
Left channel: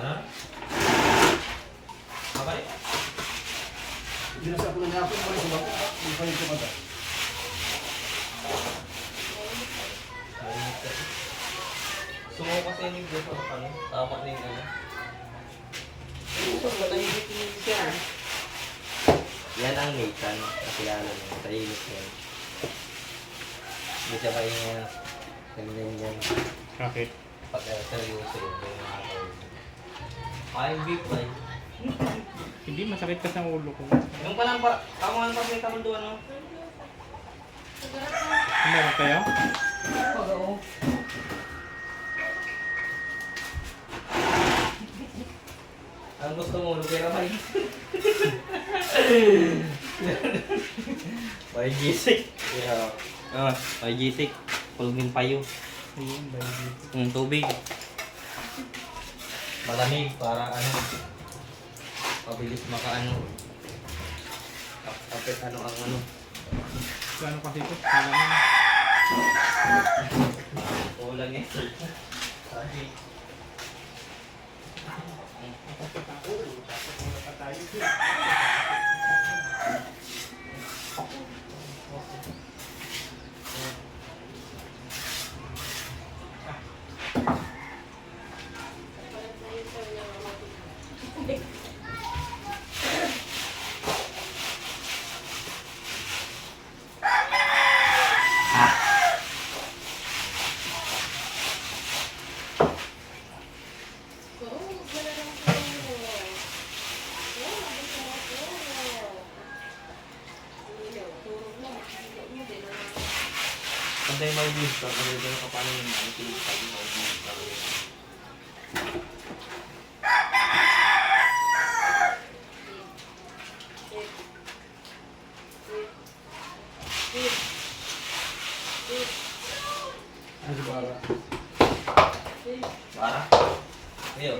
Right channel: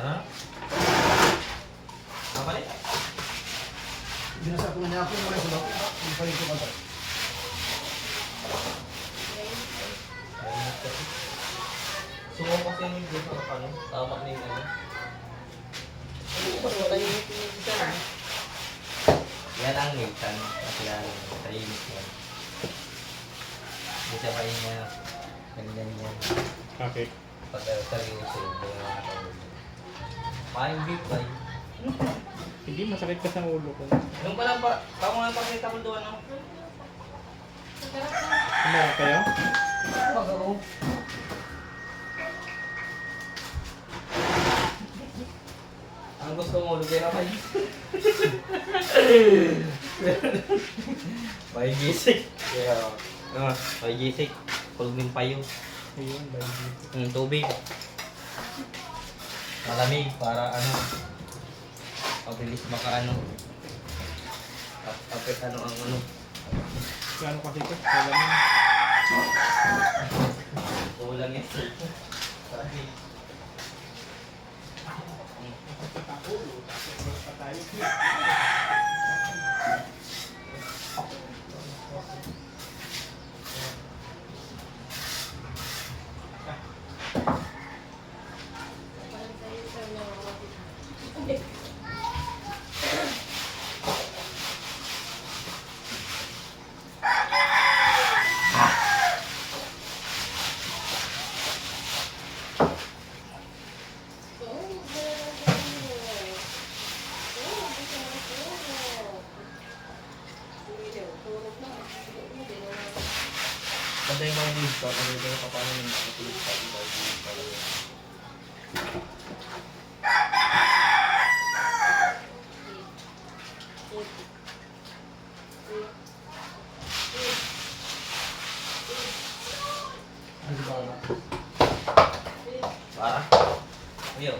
Ano? Apa ni? Binasa ko na niya ako yung mga sabak. Yung pa ko agad. Sumo kasi yung video sa ano? Tama na yung ano? Yan ang Nathan. Nakilala mo. Tahimik yan. Hindi siya kayo ganyan. Bakit? Pag seryoso yun. Yung mga tao. Kain beef ba yun? Hindi, masakit ka sa ulo ko. Anong pa lang pa? Tama nga pa may kamul doon. Meron kayo? Oo. Ang gusto mo, lugera kayo. May gisik. Yeah. May gisik. Kulmin payo. Ayun, baby. Yung tubig. Malamig para ano. Pabilis makaano. Kapit ano ang ano. Ano kasi ito? Alam mo. Kulang yan. Sabi. Ganda yung mga views ko. Ganda yung paano yung mga tulog pa yung mga views talaga. Ano ba? Para? Ayo.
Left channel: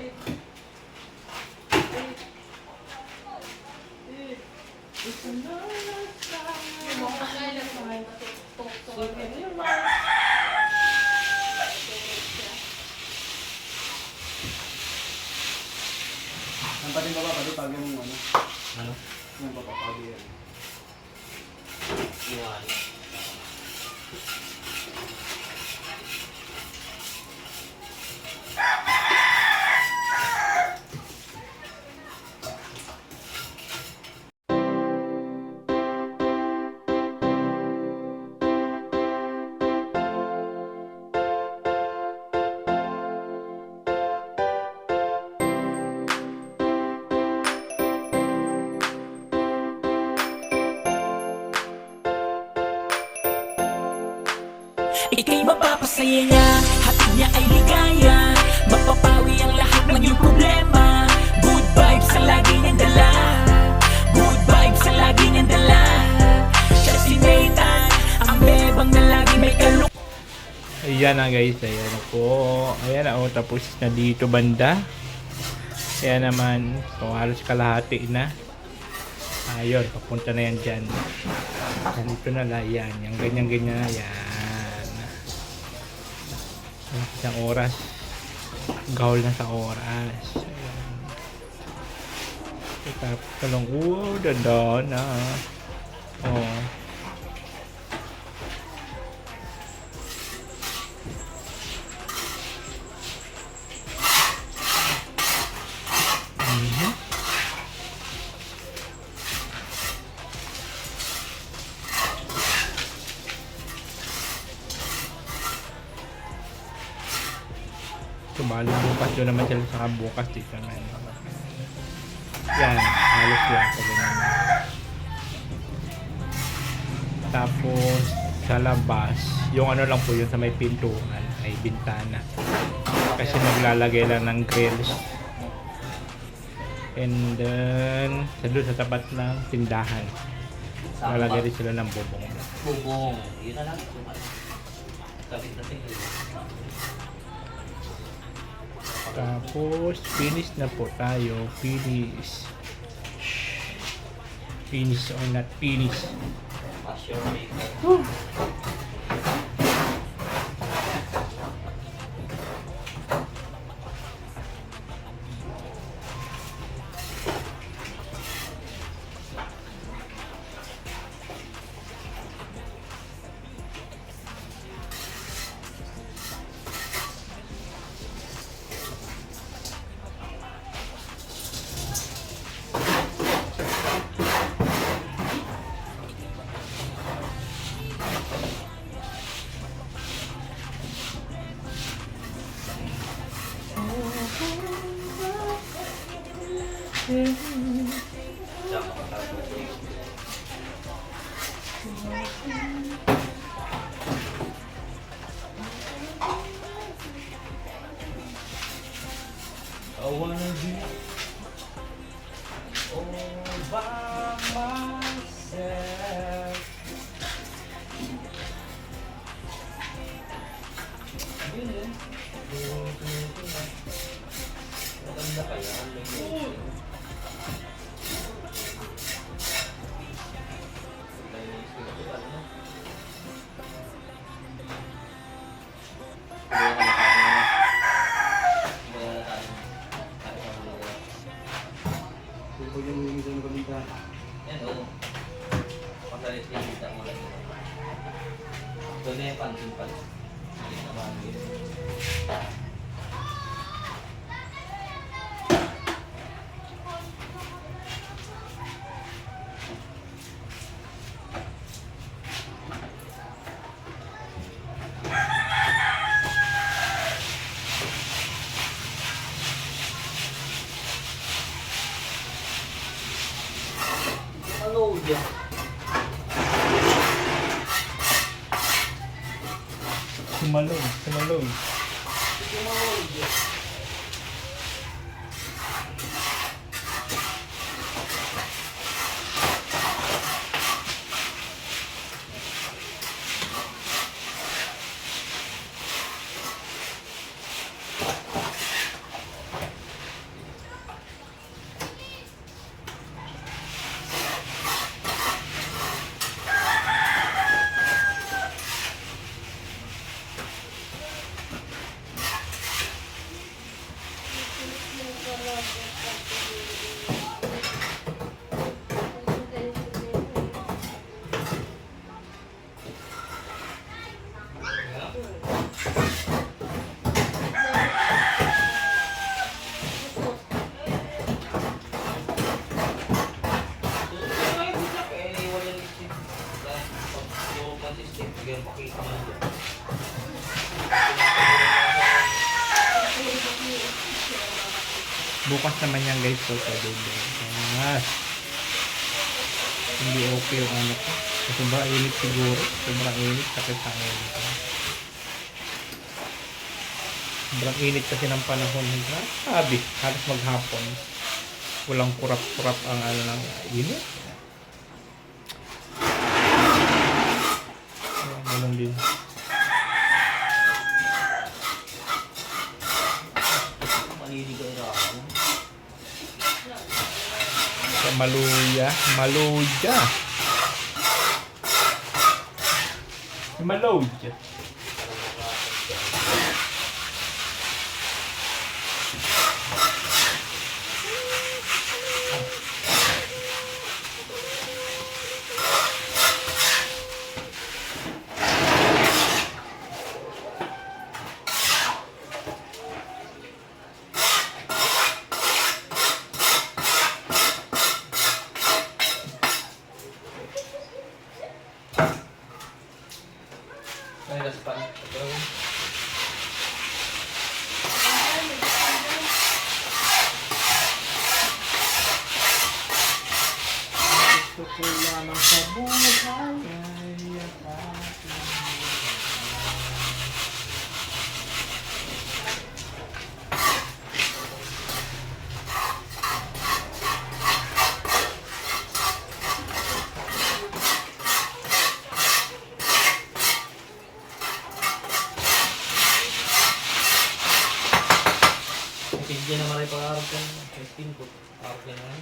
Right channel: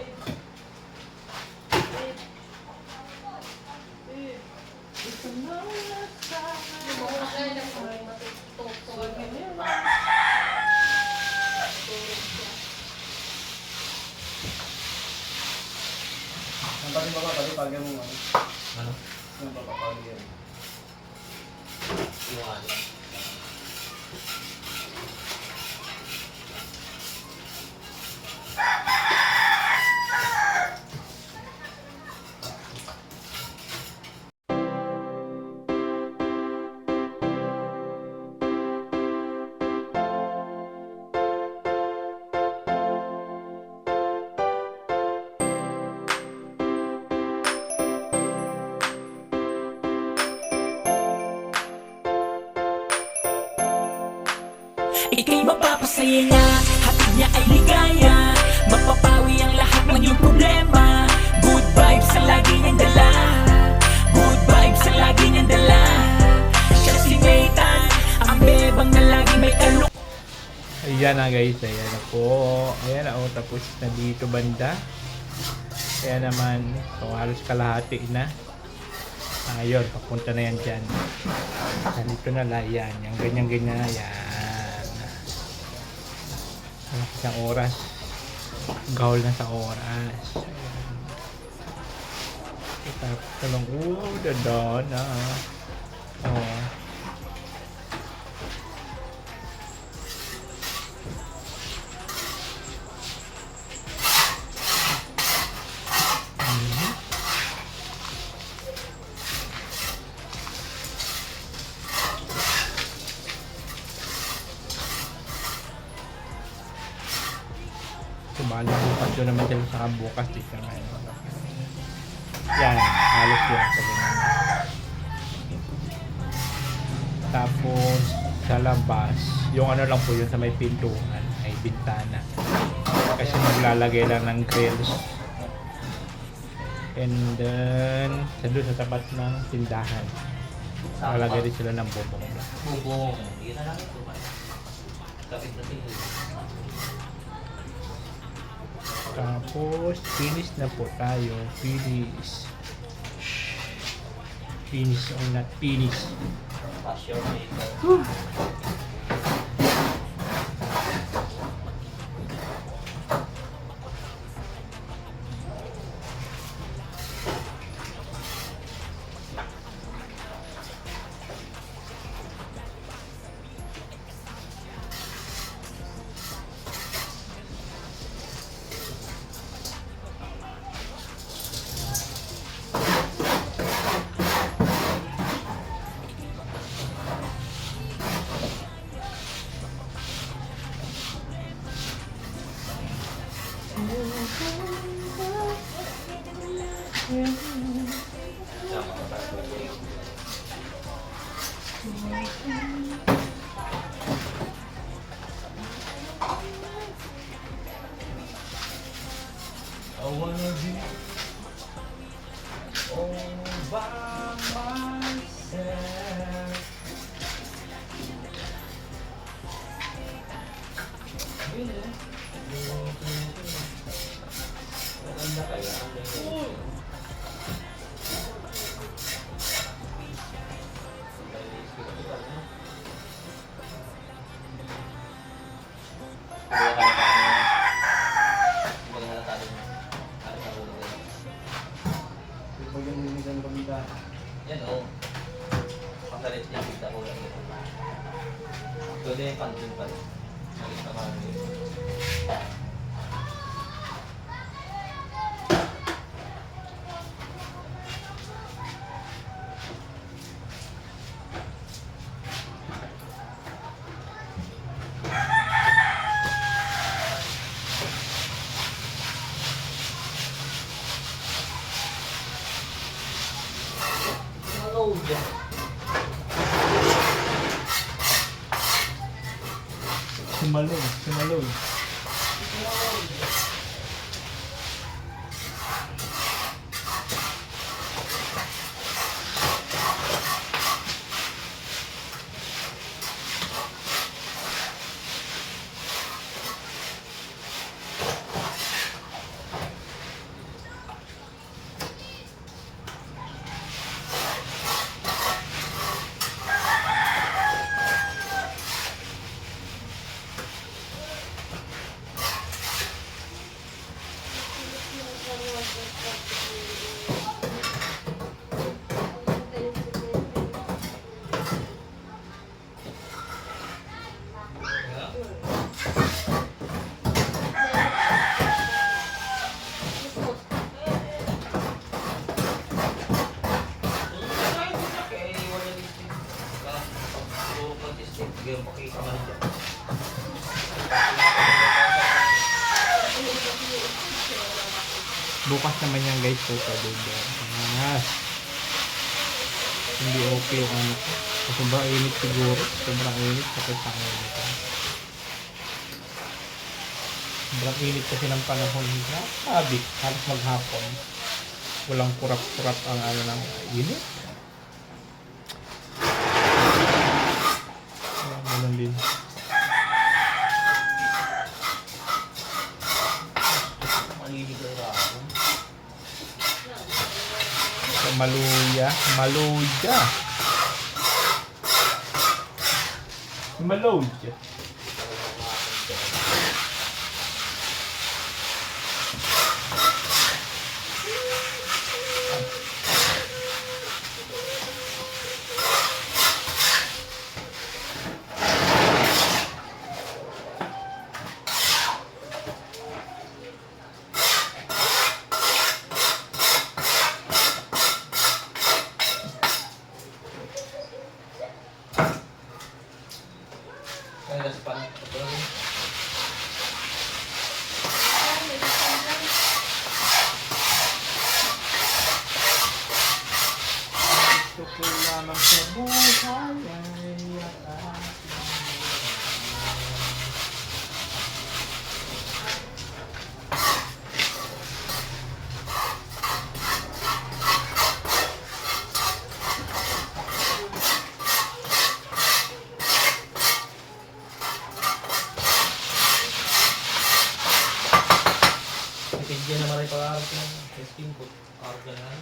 Ang pati baba, pati pagyan mo ano. Ano? Yung papapagyan. Yung ano? Ika'y mapapasaya niya, hatid niya ay ligaya, mapapawi ang lahat ng iyong problema. Good vibes ang lagi niyang dala, good vibes ang lagi niyang dala. Siya si Nathan, ang bebang na lagi may kalung. Ayan na guys, ayan na po. Ayan na, tapos na dito banda. Ayan naman, so halos kalahati na. Ayun, papunta na yan dyan. Dito na lang yan, yung ganyan-ganyan na yan. Isang oras. Gahol na sa oras. Ayan. Tapos talong, dada na. Oh. So, bali bukas yun naman sila sa bukas dito naman. Yan, halos yan sa ganyan. Tapos, sa labas, yung ano lang po yun sa may pintuan ay bintana. Kasi maglalagay lang ng grills. And then, doon sa tapat ng tindahan. Lalagay rin sila ng bubong. Bubong. Yun na lang ito. Kapit na tingin. Tapos, finish na po tayo. Finish. Finish or not finish. Pass your maker. I wanna be all by myself. Pag yung isang kabita. Yan o. Pakalit yung kita ulan. Pwede yung pansin pa rin. Malit na marami. Maload yan. Sumaloy, sumaloy. Bukas naman yan guys, so bukas. Hindi okay yung ano ko. Sobrang init siguro. Sobrang init. Sakit ang ulo ko. Sobrang init kasi ng panahon. Sabi, halos maghapon. Walang kurap-kurap ang ano ng init. Ayan, ganun din. Maliligaw na ako. Sa Maluya. Maluya. Maluya. Kaya sa pan. Ito. Gusto ko lamang sa buhay ay Pidya naman ay pag-arap ko. Testing ko. Arap ka naman.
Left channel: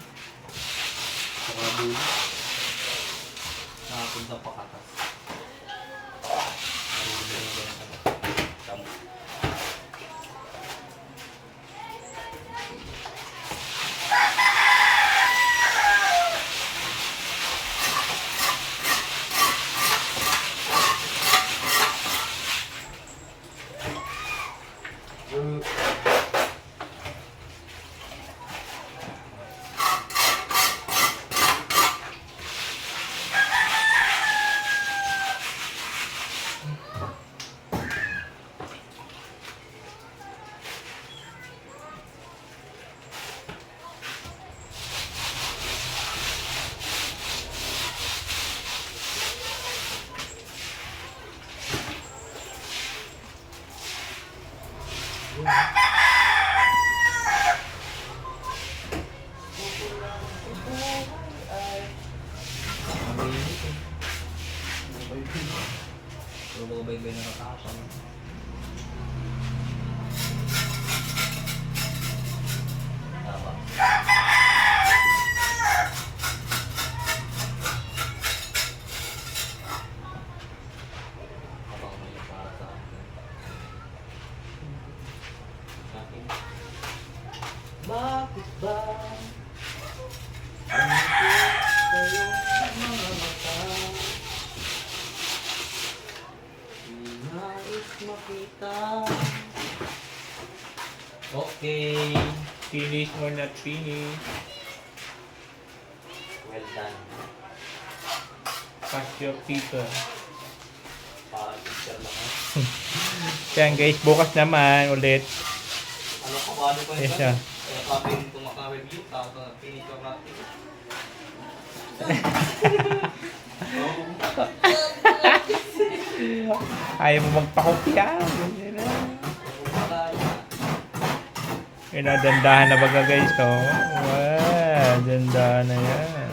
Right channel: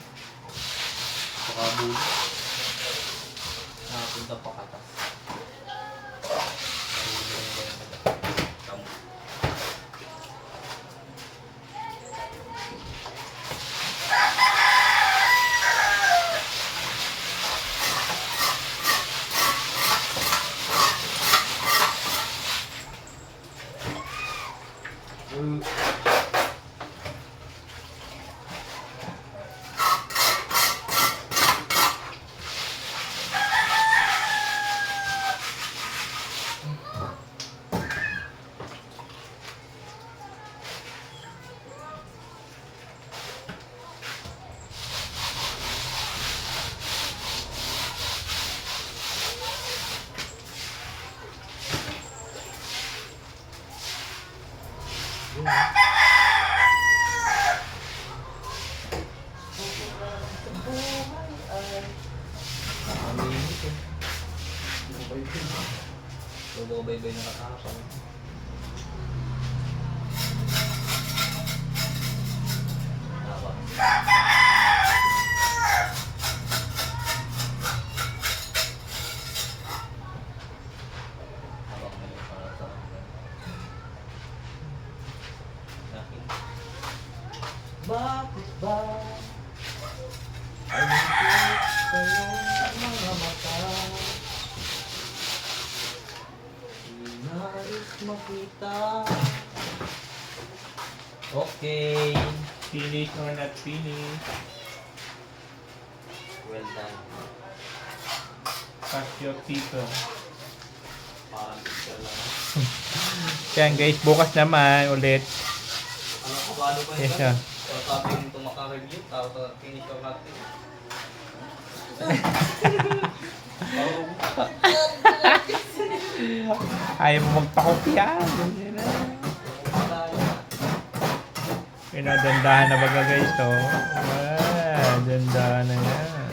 Pakabulo. Nakapunta pa katas. Kamu. Lumabay-bay na nakakapal. Habang may para sa akin. Bakit ba? Ang kayo mga mata? Nais makita. Okay. finish or not finish. Well done. Pass your paper. Parang picture lang. Kaya guys, bukas naman ulit. Ano ko ba? Ano pa Yes, yun? sir. Sabi yung tumakang-review. Tapos finish or not finish. Ayaw mo magpakopya. Dandahan na baga guys, oh. Wow, dandahan na yan.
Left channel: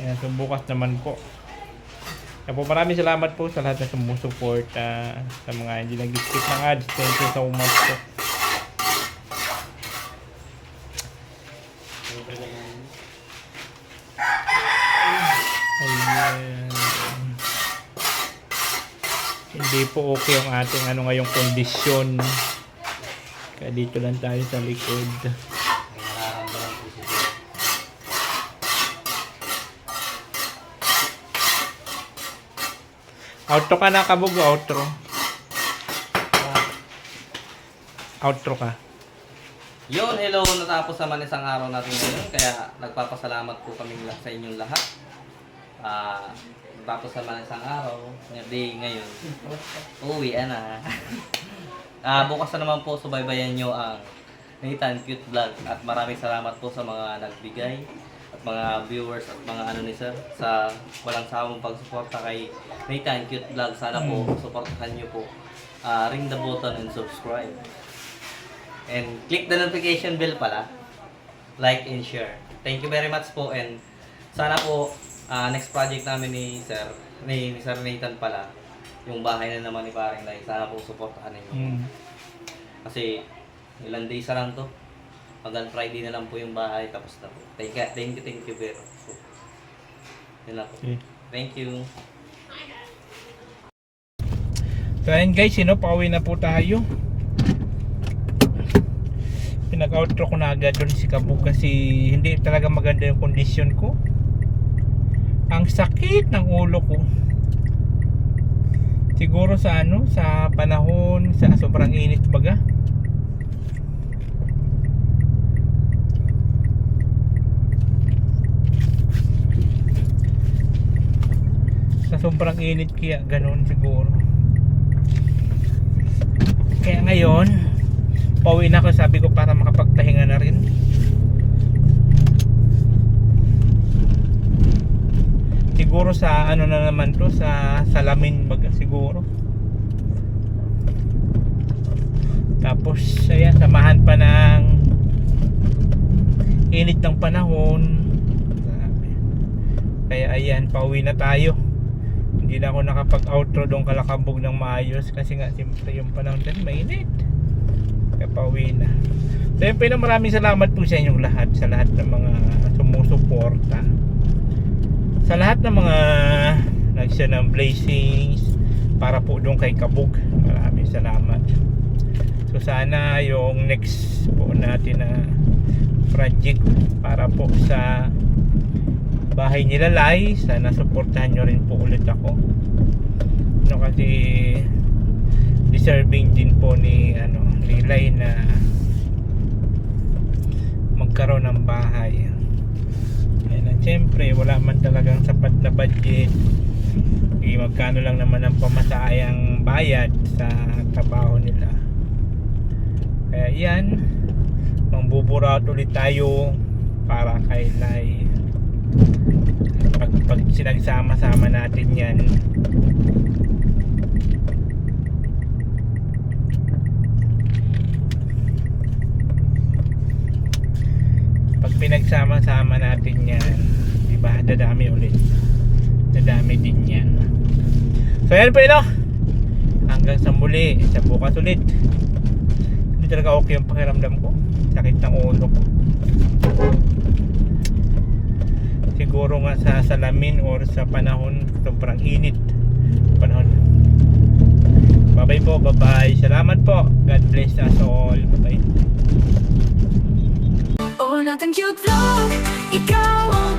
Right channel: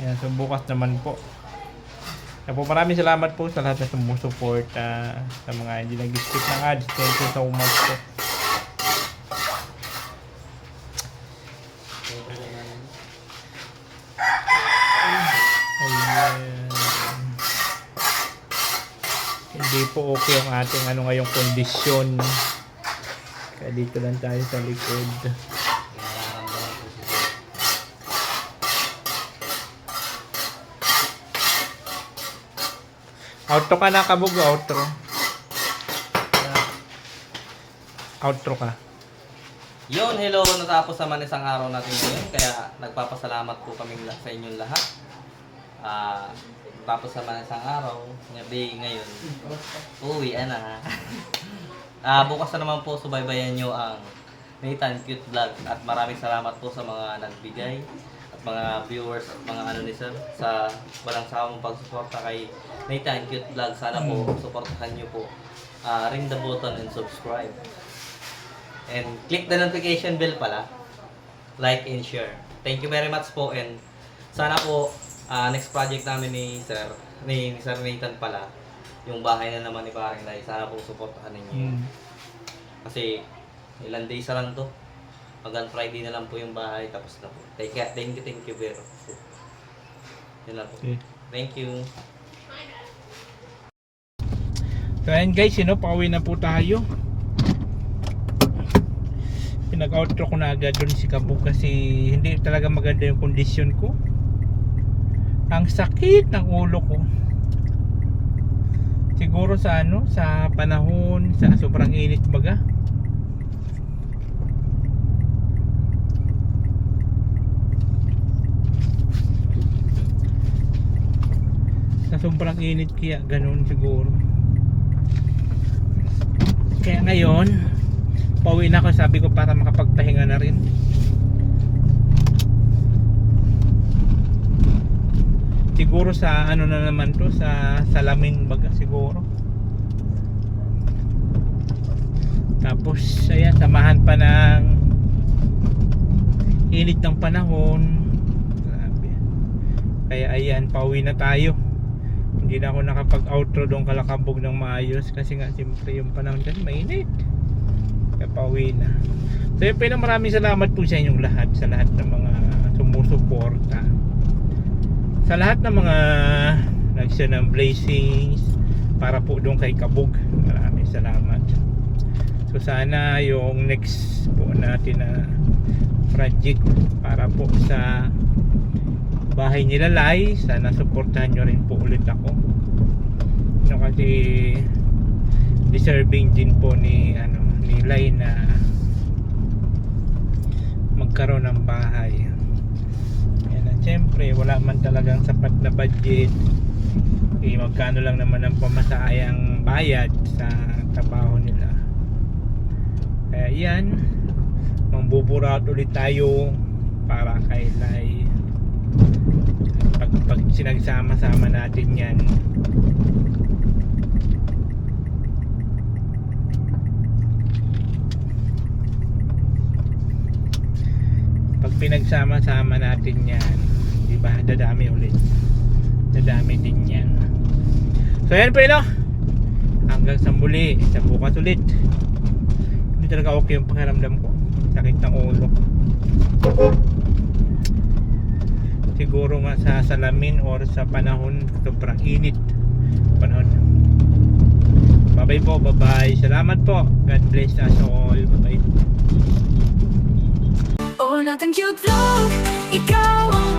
Yan, so bukas naman po. Kaya po maraming salamat po sa lahat na sumusuport sa mga hindi nag-skip ng ads. Thank you so much po. Ayan. Hindi po okay yung ating ano ngayong kondisyon. Kaya dito lang tayo sa likod. Outro ka na, Kabog. Outro. Outro ka. Yun, hello. Natapos naman isang araw natin ngayon. Kaya nagpapasalamat po kaming sa inyong lahat. tapos naman isang araw, ngayon, uwi na. Bukas na naman po, subaybayan nyo ang Nathan Cute Vlog at maraming salamat po sa mga nagbigay at mga viewers at mga ano ni sir sa walang sawang pagsuporta kay Nathan Cute Vlog. Sana po suportahan nyo po. Ring the button and subscribe. And click the notification bell pala. Like and share. Thank you very much po, and sana po next project namin ni Sir Nathan pala, yung bahay na naman ni Paring Lai, sana po suportahan ninyo. Kasi ilang days na lang to. Hanggang Friday na lang po yung bahay, tapos na po. Thank you very much. So, yun lang po. Okay. Thank you. So ayun guys, pauwi na po tayo. Pinag-outro ko na agad doon si Kabog kasi hindi talaga maganda yung kondisyon ko. Ang sakit ng ulo ko. Siguro sa sa panahon, sa sobrang init baga. Sa sobrang init kaya ganoon siguro. Kaya ngayon, pauwi na ako, sabi ko, para makapagpahinga na rin. Siguro sa na naman to, sa salamin baga siguro. Tapos ayan, samahan pa ng init ng panahon. Grabe. Kaya ayan, pauwi na tayo. Hindi na ako nakapag-outro doon Kalakabog ng maayos kasi nga siyempre yung panahon kasi mainit. Kaya pauwi na. So yun, pero maraming salamat po sa inyong lahat, sa lahat ng mga sumusuporta, sa lahat ng mga nag-share ng blessings para po doon kay Kabog. Maraming salamat. So sana yung next po natin na project para po sa bahay nila Lai, sana suportahan nyo rin po ulit ako. Kasi deserving din po ni ni Lai na magkaroon ng bahay. And siyempre wala man talagang sapat na budget. Magkano lang naman ang pamasayang bayad sa trabaho nila. Kaya yan, mangbuburat ulit tayo para kay Lai. Pag sinagsama-sama natin yan, pag pinagsama-sama natin yan, diba, dadami ulit, dadami din yan. So yan po hanggang sa muli, sa bukas ulit. Hindi talaga okay yung pakiramdam ko, sakit ng ulo ko. Siguro nga sa salamin or sa panahon, sobrang init panahon. Bye bye po, bye bye. Salamat po. God bless us all. Bye bye. Oh, Nathan Cute Vlog, ikaw ang